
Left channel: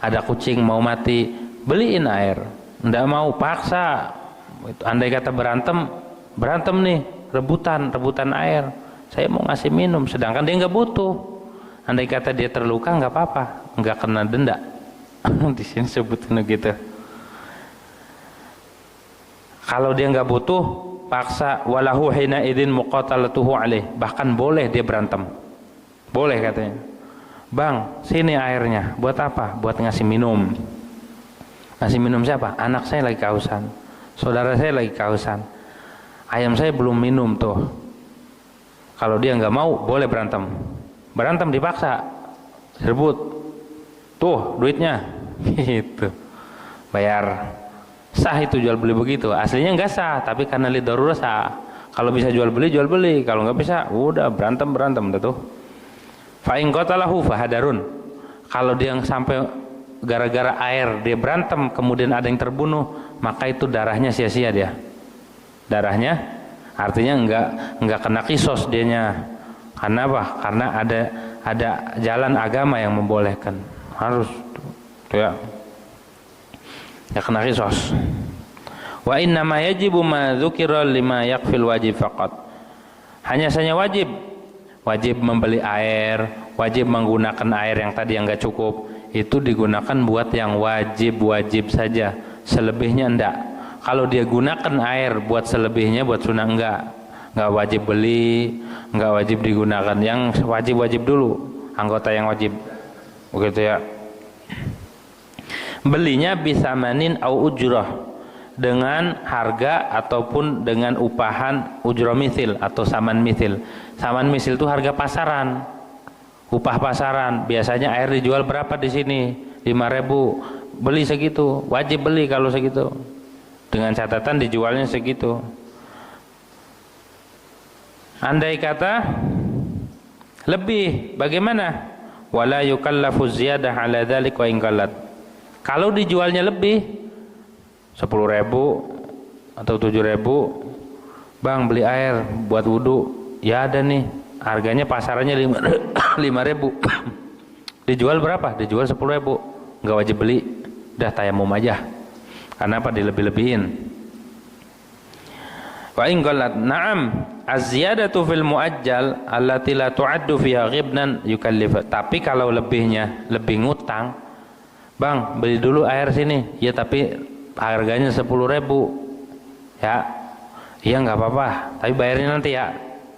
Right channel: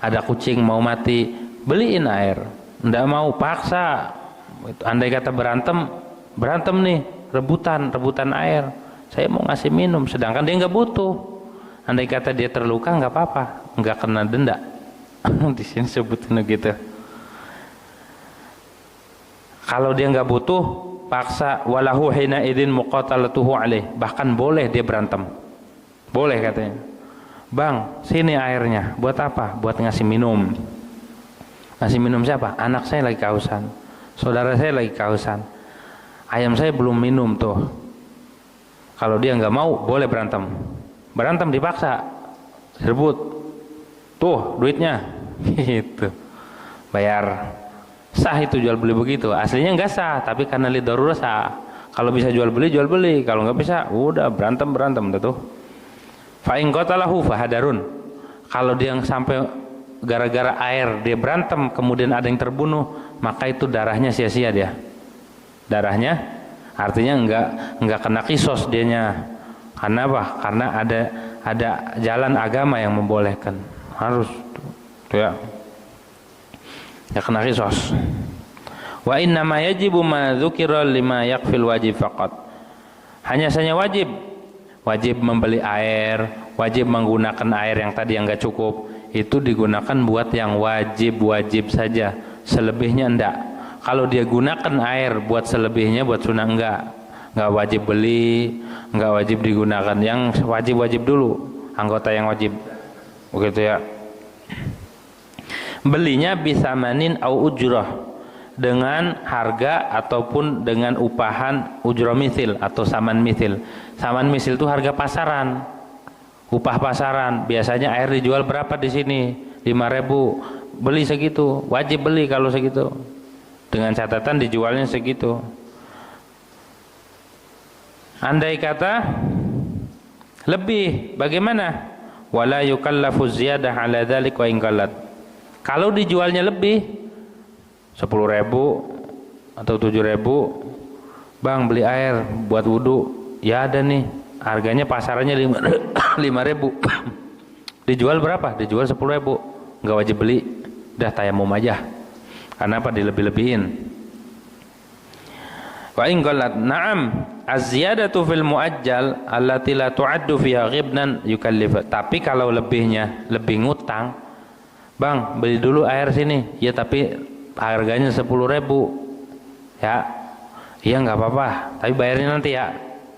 Ada kucing mau mati, beliin air. Nggak mau, paksa. Andai kata berantem nih, rebutan air. Saya mau ngasih minum, sedangkan dia nggak butuh. Andai kata dia terluka nggak apa-apa, nggak kena denda. Di sini sebutin gitu. Kalau dia nggak butuh, paksa, walahu hina idin muqatalatuhu alaih. Bahkan boleh dia berantem. Boleh katanya. Bang, sini airnya. Buat apa? Buat ngasih minum. Ngasih minum siapa? Anak saya lagi kehausan. Saudara saya lagi kehausan. Ayam saya belum minum tuh. Kalau dia nggak mau, boleh berantem. Berantem dipaksa. Rebut. Tuh duitnya, gitu, bayar. Sah itu jual beli begitu. Aslinya nggak sah, tapi karena lidarurah sah. Kalau bisa jual beli, kalau nggak bisa, udah berantem tuh. Fa in qatalahu fahadarun. Kalau dia sampai gara-gara air dia berantem, kemudian ada yang terbunuh, maka itu darahnya sia-sia dia. Darahnya, artinya nggak kena kisos dianya. Karena apa? Karena ada jalan agama yang membolehkan. Harus tuh ya kena kisos. Wa inna ma yajibu ma dzukira lima yakfil wajib faqat. Hanya saja wajib membeli air, wajib menggunakan air yang tadi yang enggak cukup, itu digunakan buat yang wajib saja, selebihnya enggak. Kalau dia gunakan air buat selebihnya, buat sunnah enggak wajib beli, enggak wajib digunakan. Yang wajib dulu, anggota yang wajib. Begitu ya. Belinya bisa manin au ujrah, dengan harga ataupun dengan upahan ujrah misil atau saman misil. Saman misil itu harga pasaran, upah pasaran. Biasanya air dijual berapa di sini? 5.000. Beli segitu, wajib beli kalau segitu. Dengan catatan dijualnya segitu. Andai kata lebih, bagaimana? Wala yukallafu ziyadah ala dzalik wa in qallat. Kalau dijualnya lebih 10.000 atau 7.000, bang beli air buat wudu, ya ada nih, harganya pasarannya 5.000. Dijual berapa? Dijual 10.000, nggak wajib beli, udah tayamum aja. Karena apa? Dilebih-lebihin. Wa in qalat na'am az-ziyadatu fil muajjal allati la tu'addu fiha ghibnan yukallif. Tapi kalau lebihnya, lebih ngutang, bang beli dulu air sini, ya tapi harganya 10.000 ya, Iya nggak apa-apa, tapi bayarnya nanti ya.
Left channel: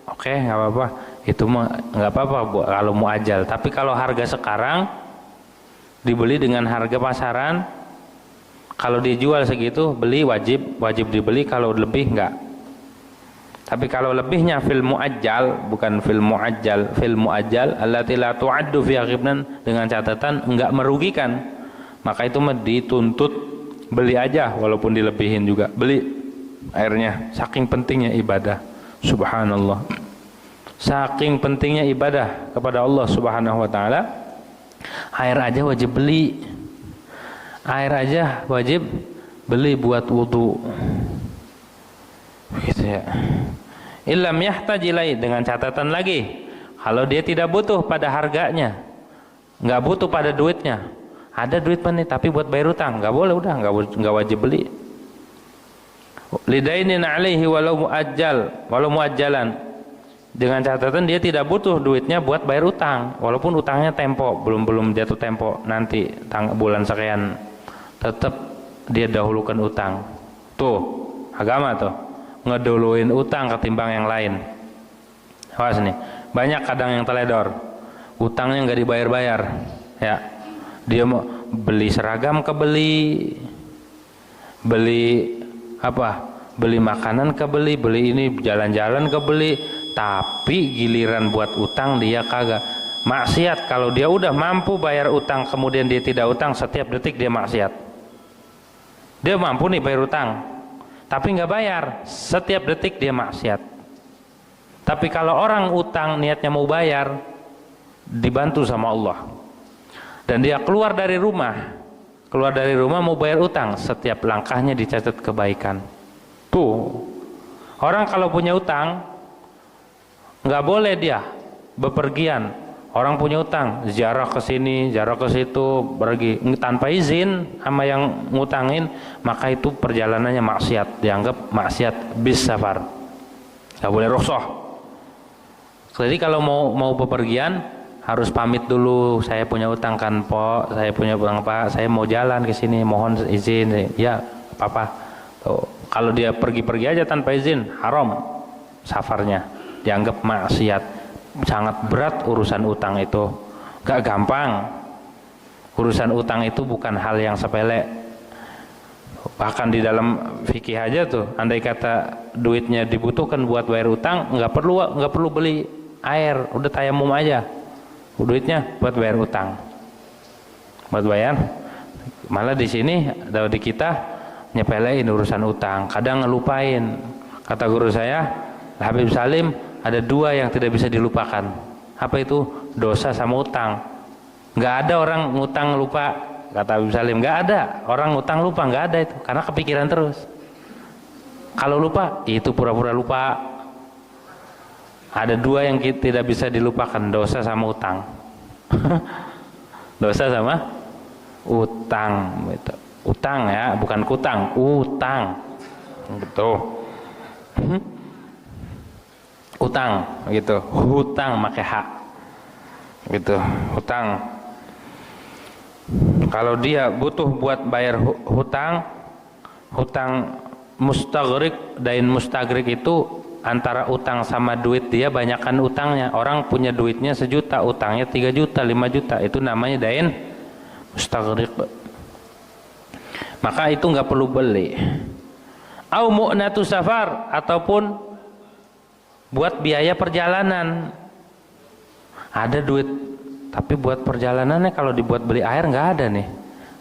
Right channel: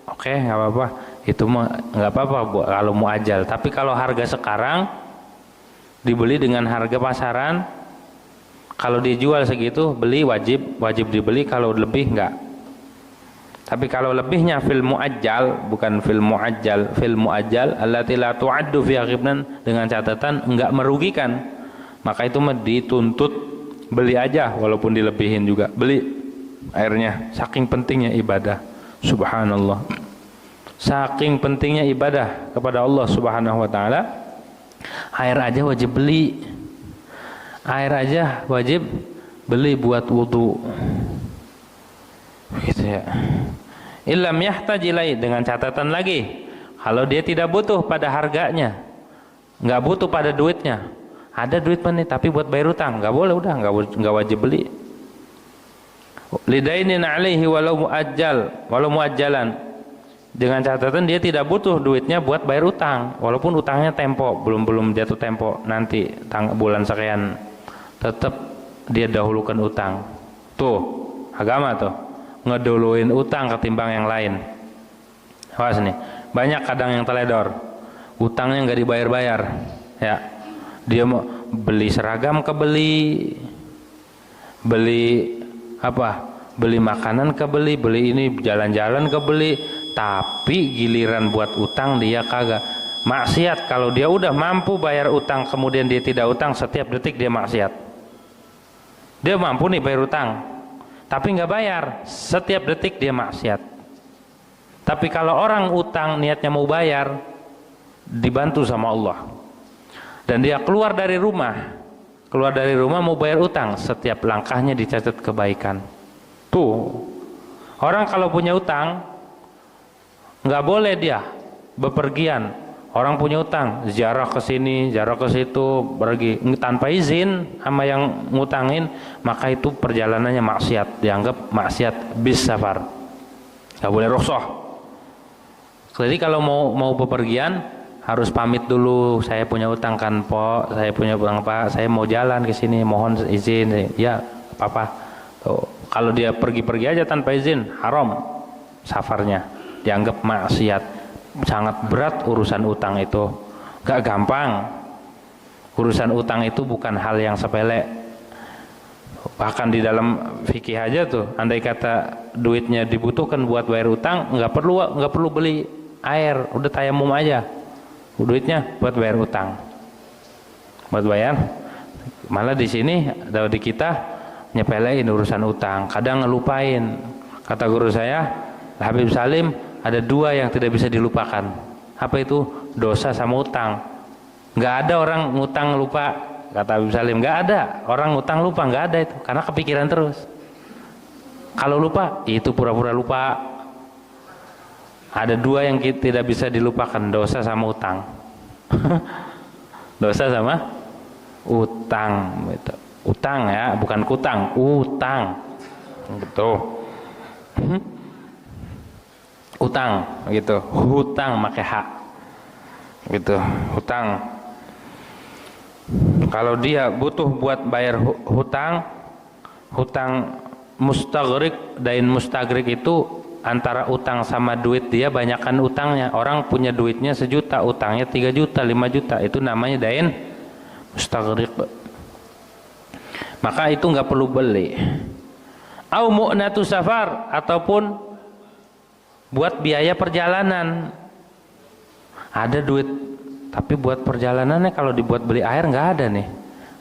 Oke, nggak apa-apa. Itu mah nggak apa-apa kalau mau ajal. Tapi kalau harga sekarang dibeli dengan harga pasaran, kalau dijual segitu beli wajib dibeli, kalau lebih enggak. Tapi kalau lebihnya fil muajjal, bukan fil muajjal, fil muajjal allati la tu'addu fi ghibnan, dengan catatan enggak merugikan, maka itu mah dituntut beli aja walaupun dilebihin juga. Beli airnya, saking pentingnya ibadah. Subhanallah. Saking pentingnya ibadah kepada Allah Subhanahu wa taala, air aja wajib beli. Air aja wajib beli buat wudu. Gitu ya. Illam yahtaj ilai, dengan catatan lagi, kalau dia tidak butuh pada harganya, nggak butuh pada duitnya, ada duit nih tapi buat bayar utang, nggak boleh, udah nggak wajib beli. Lidainin alaihi walau muajjalan, dengan catatan dia tidak butuh duitnya buat bayar utang, walaupun utangnya tempo belum jatuh tempo, nanti bulan sekian, tetap dia dahulukan utang. Tuh agama tuh ngeduluin utang ketimbang yang lain. Awas nih, banyak kadang yang teledor, utangnya nggak dibayar-bayar, ya. Dia mau beli seragam beli apa? Beli makanan beli ini jalan-jalan beli, tapi giliran buat utang dia kagak. Maksiat kalau dia udah mampu bayar utang kemudian dia tidak utang, setiap detik dia maksiat. Dia mampu nih bayar utang, tapi nggak bayar, setiap detik dia maksiat. Tapi kalau orang utang niatnya mau bayar, dibantu sama Allah, dan dia keluar dari rumah mau bayar utang, setiap langkahnya dicatat kebaikan. Tuh, orang kalau punya utang nggak boleh dia bepergian. Orang punya utang, ziarah ke sini, ziarah ke situ, pergi tanpa izin sama yang ngutangin, maka itu perjalanannya maksiat, dianggap maksiat bis safar. Nggak boleh rukhsah. Jadi kalau mau bepergian harus pamit dulu, saya punya utang kan Pak, saya punya utang Pak, saya mau jalan ke sini, mohon izin. Ya, apa-apa. Tuh, kalau dia pergi-pergi aja tanpa izin, haram safarnya, dianggap maksiat. Sangat berat urusan utang itu, gak gampang. Urusan utang itu bukan hal yang sepele. Bahkan di dalam fikih aja tuh, andai kata duitnya dibutuhkan buat bayar utang, nggak perlu beli air, udah tayamum aja, duitnya buat bayar utang, buat bayar. Malah di sini di kita nyepelein urusan utang, kadang ngelupain. Kata guru saya Habib Salim, ada dua yang tidak bisa dilupakan. Apa itu? Dosa sama utang. Nggak ada orang ngutang lupa, kata Habib Salim. Nggak ada orang ngutang lupa, nggak ada itu, karena kepikiran terus. Kalau lupa, itu pura-pura lupa. Ada dua yang tidak bisa dilupakan, dosa sama utang. Dosa sama utang. Utang ya, bukan kutang, utang. Betul. Utang gitu, hutang pakai hak gitu, hutang. Kalau dia butuh buat bayar hutang mustagrik, dain mustagrik itu antara utang sama duit dia, banyakkan utangnya. Orang punya duitnya 1 juta, utangnya 3 juta 5 juta, itu namanya dain mustagrik. Maka itu nggak perlu beli. Au mu'natu safar, ataupun buat biaya perjalanan. Ada duit tapi buat perjalanannya, kalau dibuat beli air nggak ada nih,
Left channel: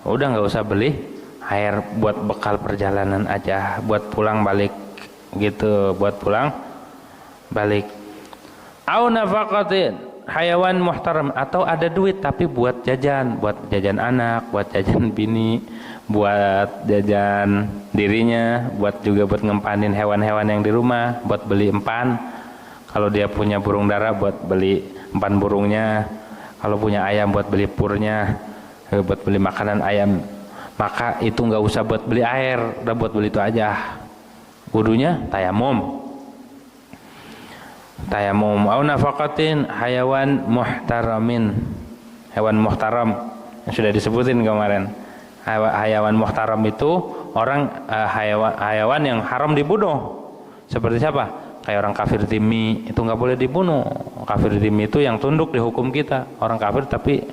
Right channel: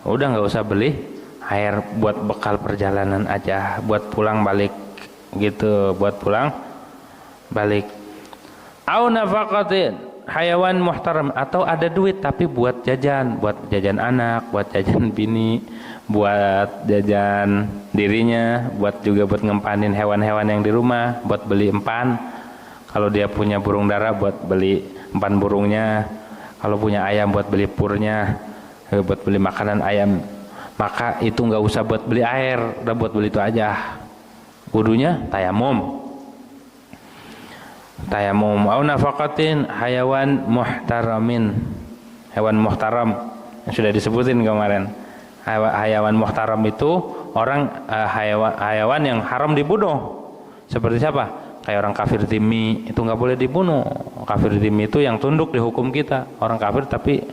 udah nggak usah beli air, buat bekal perjalanan aja, buat pulang balik gitu, buat pulang balik. Au nafaqatin hayawan muhtaram, atau ada duit tapi buat jajan anak, buat jajan bini, buat jajan dirinya, buat juga buat ngempanin hewan-hewan yang di rumah, buat beli empan. Kalau dia punya burung dara, buat beli empan burungnya. Kalau punya ayam, buat beli purnya, buat beli makanan ayam. Maka itu nggak usah buat beli air, udah buat beli itu aja. Wudunya tayamum. Au nafaqatin hayawan muhtaramin, hewan muhtaram yang sudah disebutin kemarin. Hayawan muhtaram itu orang, hayawan yang haram dibunuh. Seperti siapa? Kayak orang kafir dhimmi, itu nggak boleh dibunuh. Kafir dhimmi itu yang tunduk di hukum kita. Orang kafir tapi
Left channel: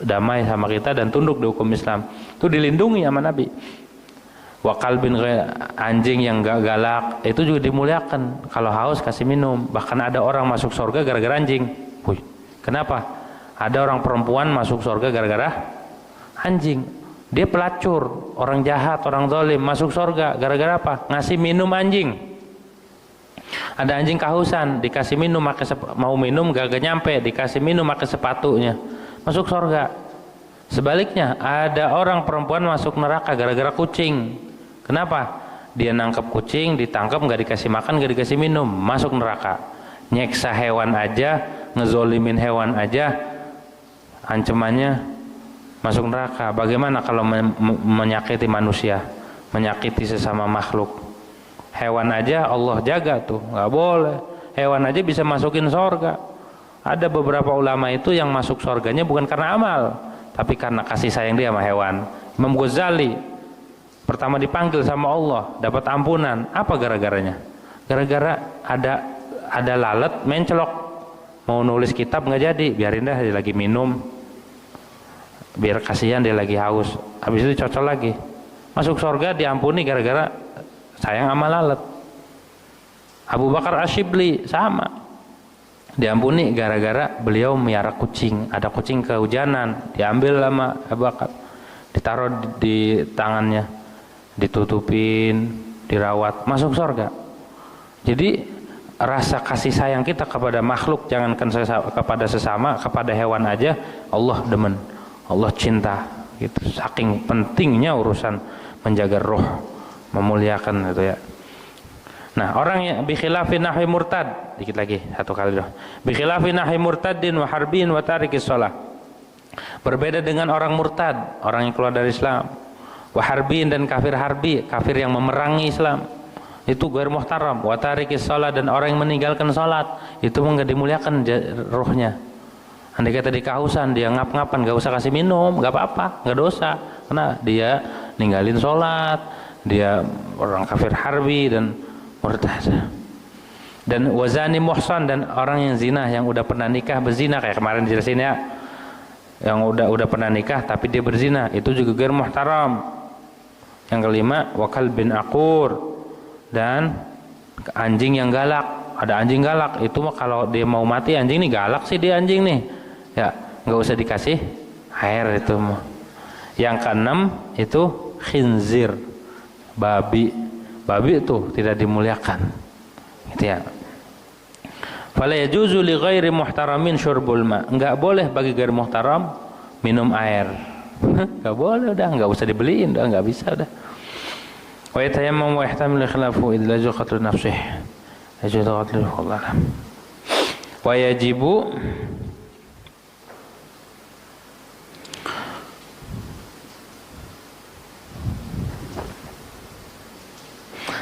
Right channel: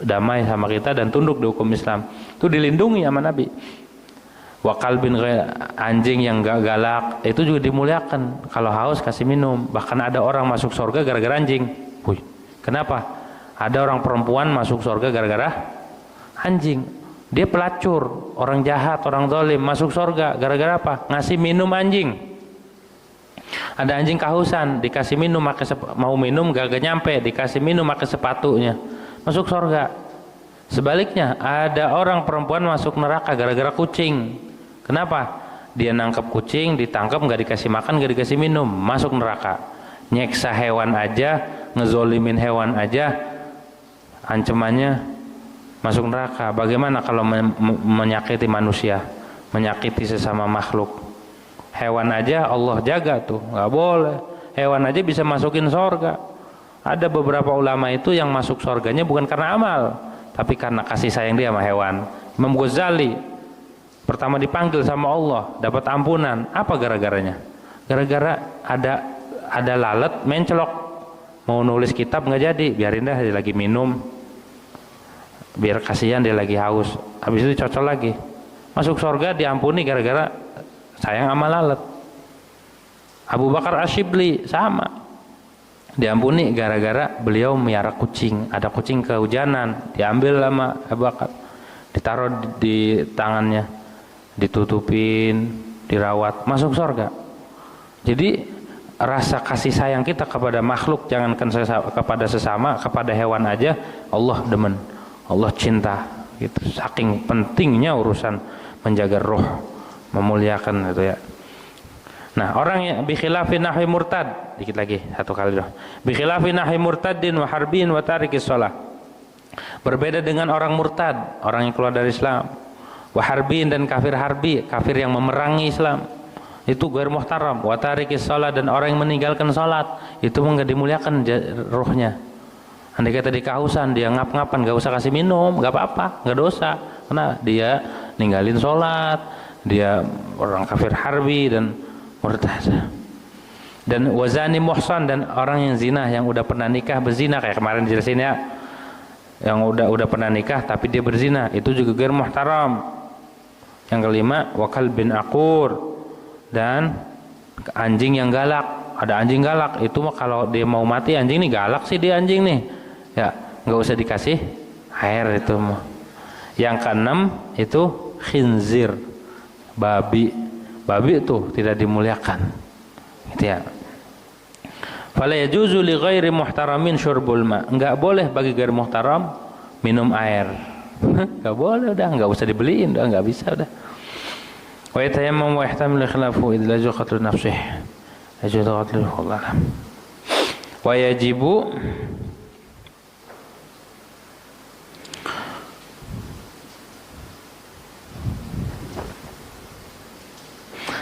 damai sama kita dan tunduk di hukum Islam. Itu dilindungi sama Nabi. Wa kalbin, anjing yang gak galak itu juga dimuliakan. Kalau haus kasih minum. Bahkan ada orang masuk surga gara-gara anjing. Wih, kenapa? Ada orang perempuan masuk surga gara-gara anjing. Dia pelacur, orang jahat, orang zalim, masuk surga gara-gara apa? Ngasih minum anjing. Ada anjing kehausan, dikasih minum, mau minum gak nyampe, dikasih minum pakai sepatunya, masuk surga. Sebaliknya, ada orang perempuan masuk neraka gara-gara kucing. Kenapa? Dia nangkep kucing, ditangkap, gak dikasih makan, gak dikasih minum, masuk neraka. Nyeksa hewan aja, ngezolimin hewan aja, ancamannya masuk neraka. Bagaimana kalau menyakiti manusia, menyakiti sesama makhluk? Hewan aja Allah jaga tuh, nggak boleh. Hewan aja bisa masukin sorga. Ada beberapa ulama itu yang masuk sorganya bukan karena amal, tapi karena kasih sayang dia sama hewan. Imam Ghazali pertama dipanggil sama Allah, dapat ampunan. Apa gara-garanya? Gara-gara ada lalat mencelok, mau nulis kitab nggak jadi, biarin dah, dia lagi minum, biar kasihan dia lagi haus. Habis itu cocok lagi, masuk sorga, diampuni gara-gara sayang sama lalat. Abu Bakar Asyibli sama, diampuni gara-gara beliau miara kucing. Ada kucing kehujanan, diambil sama Abu Bakar, ditaruh di tangannya, ditutupin, dirawat, masuk surga. Jadi rasa kasih sayang kita kepada makhluk, jangankan kepada sesama, kepada hewan aja Allah demen, Allah cinta gitu. Saking pentingnya urusan menjaga roh, memuliakan itu ya. Nah, orang yang bi khilafi nahwi murtad, dikit lagi satu kali doh. Bi khilafi nahwi murtadin wa harbin wa tarikis shalah. Berbeda dengan orang murtad, orang yang keluar dari Islam. Wa harbin, dan kafir harbi, kafir yang memerangi Islam. Itu ghair muhtaram. Wa tarikis shalah, dan orang yang meninggalkan salat, itu enggak dimuliakan rohnya. Andai kata di kehausan, dia ngap-ngapan, enggak usah kasih minum, enggak apa-apa, enggak dosa. Karena dia ninggalin salat, dia orang kafir harbi dan murtad. Dan wazani muhsan, dan orang yang zina, yang udah pernah nikah berzina, kayak kemarin dijelasin ya, yang udah pernah nikah tapi dia berzina, itu juga ghair muhtaram. Yang kelima, wakal bin akur, dan anjing yang galak. Ada anjing galak, itu mah kalau dia mau mati, anjing nih galak sih, dia anjing nih ya, nggak usah dikasih air itu mah. Yang keenam itu khinzir, babi. Babi itu tidak dimuliakan gitu ya. Fala yajuzu li ghairi muhtaramin syurbul ma. Enggak boleh bagi ghair muhtaram minum air. Enggak boleh, udah enggak usah dibeliin, udah enggak bisa udah. Wa yatayammam wa yahtamil khilafu idza jaqatu nafsih. Yajuzu qatlu Allah. Wa yajibu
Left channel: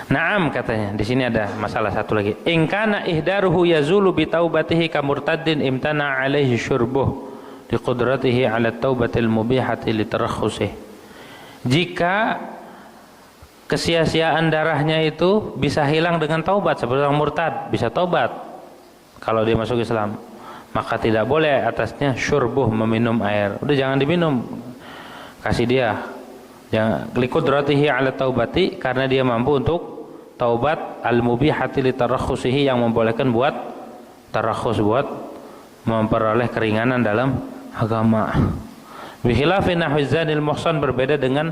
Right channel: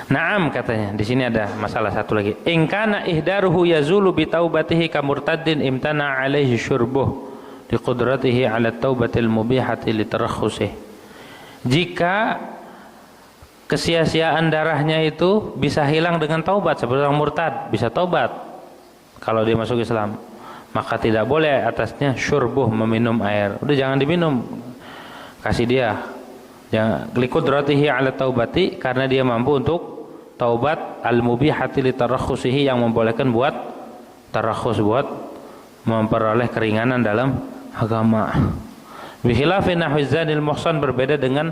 Naam, katanya. Di sini ada masalah satu lagi. In kana ihdaruhu yazulu bi taubatihi ka murtaddin imtana alaihi syurbuh li qudratihi ala taubatil mubihati li tarakhusih. Jika kesia-siaan darahnya itu bisa hilang dengan taubat, seperti orang murtad bisa taubat kalau dia masuk Islam, maka tidak boleh atasnya syurbuh, meminum air. Udah jangan diminum. Kasih dia. Jangan li qudratihi ala taubati, karena dia mampu untuk taubat al-mubihati li tarakhusihi, yang membolehkan buat tarakhus, buat memperoleh keringanan dalam agama. Bi khilafi nahwi zanil muhsan, berbeda dengan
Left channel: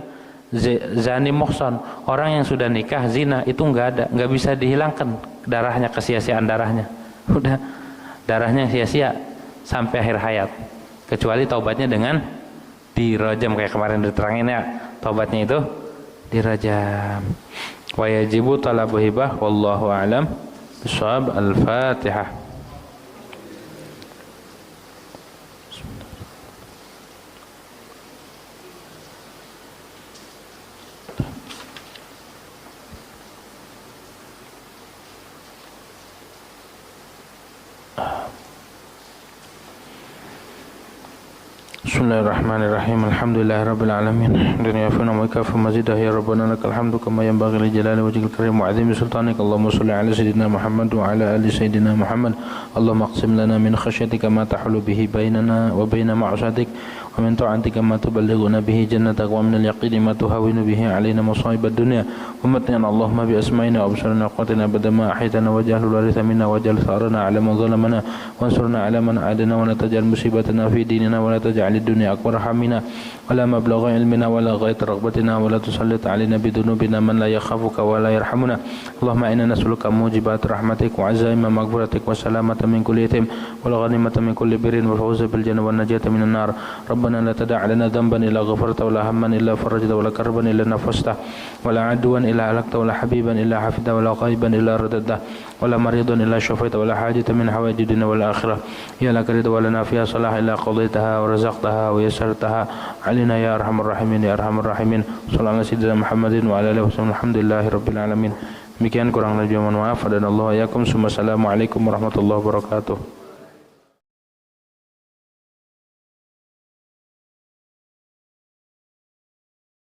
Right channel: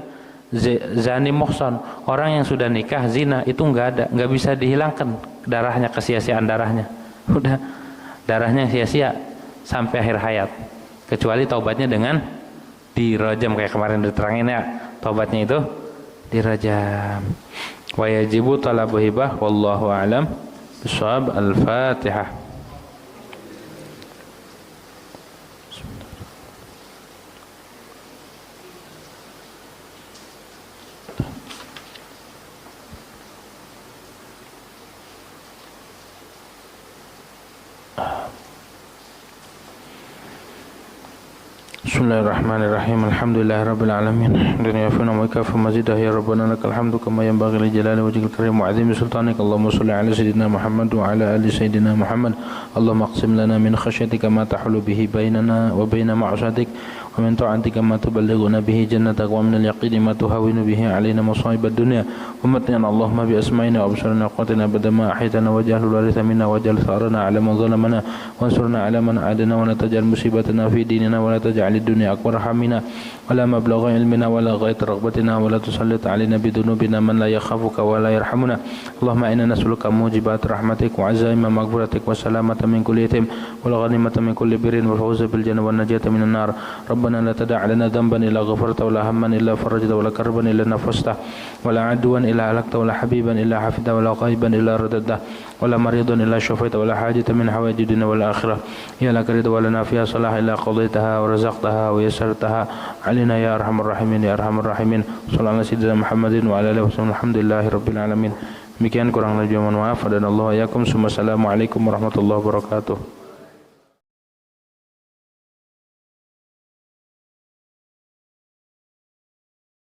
zani muhsan, orang yang sudah nikah zina, itu enggak bisa dihilangkan darahnya, kesia-siaan darahnya. Udah darahnya sia-sia sampai akhir hayat, kecuali taubatnya dengan dirajam, kayak kemarin diterangin ya, taubatnya itu dirajam. Wa yajibu talabu hibah wallahu a'lam bishawab. Al-Fatihah. Bismillahirrahmanirrahim. Alhamdulillahirabbil alamin. Dunia fina wa kafa mazidah ya rabbana lakal hamdu kama yanbaghi li jalali wajhikal karim wa 'azimi sultanik. Allahumma shalli ala sayidina Muhammad wa ala ali sayidina Muhammad. Allahumma aqsim lana min khasyatika ma tahulu bihi bainana wa baina ma'asatik wa min ta'atika ma tuballighuna bihi jannatak wa min al-yaqini ma tuhawwinu bihi 'alaina masa'ibad dunya. Wa matna Allahumma bi asma'ina wa absarina wa qatina badama ahitana waj'alhu waritha minna waj'al tharana 'ala man zalamana wansurna 'ala man 'adana wa la taj'al musibatana fi dinina wa la taj'al الدنيا أكبر همنا ولا مبلغ علمنا ولا غاية رغبتنا ولا تسلط علينا بذنوبنا من لا يخافك ولا يرحمنا اللهم إنا نسألك موجبات رحمتك وعزائم مغفرتك والسلامة من كل إثم والغنيمة من كل بر والفوز بالجنة والنجاة من النار ربنا لا تدع لنا ذنبا إلا غفرت ولا هما إلا فرجت ولا كربا إلا نفسته ولا عدوا إلا هلكت ولا حبيبا إلا حفظته ولا غائبا إلا رددته ولا مريضا إلا شفيته ولا حاجة من حوائج الدنيا والآخرة يا لك رضا ولنا فيها صلاح إلا قضيتها ورزقتها ويسرتها علينا يا أرحم الراحمين يا أرحم الراحمين صلى الله على سيدنا محمد وعلى آله وسلم الحمد لله رب العالمين. Demikian kurang lebih mohon maaf dan Allah yakum. Assalamualaikum warahmatullahi wabarakatuh.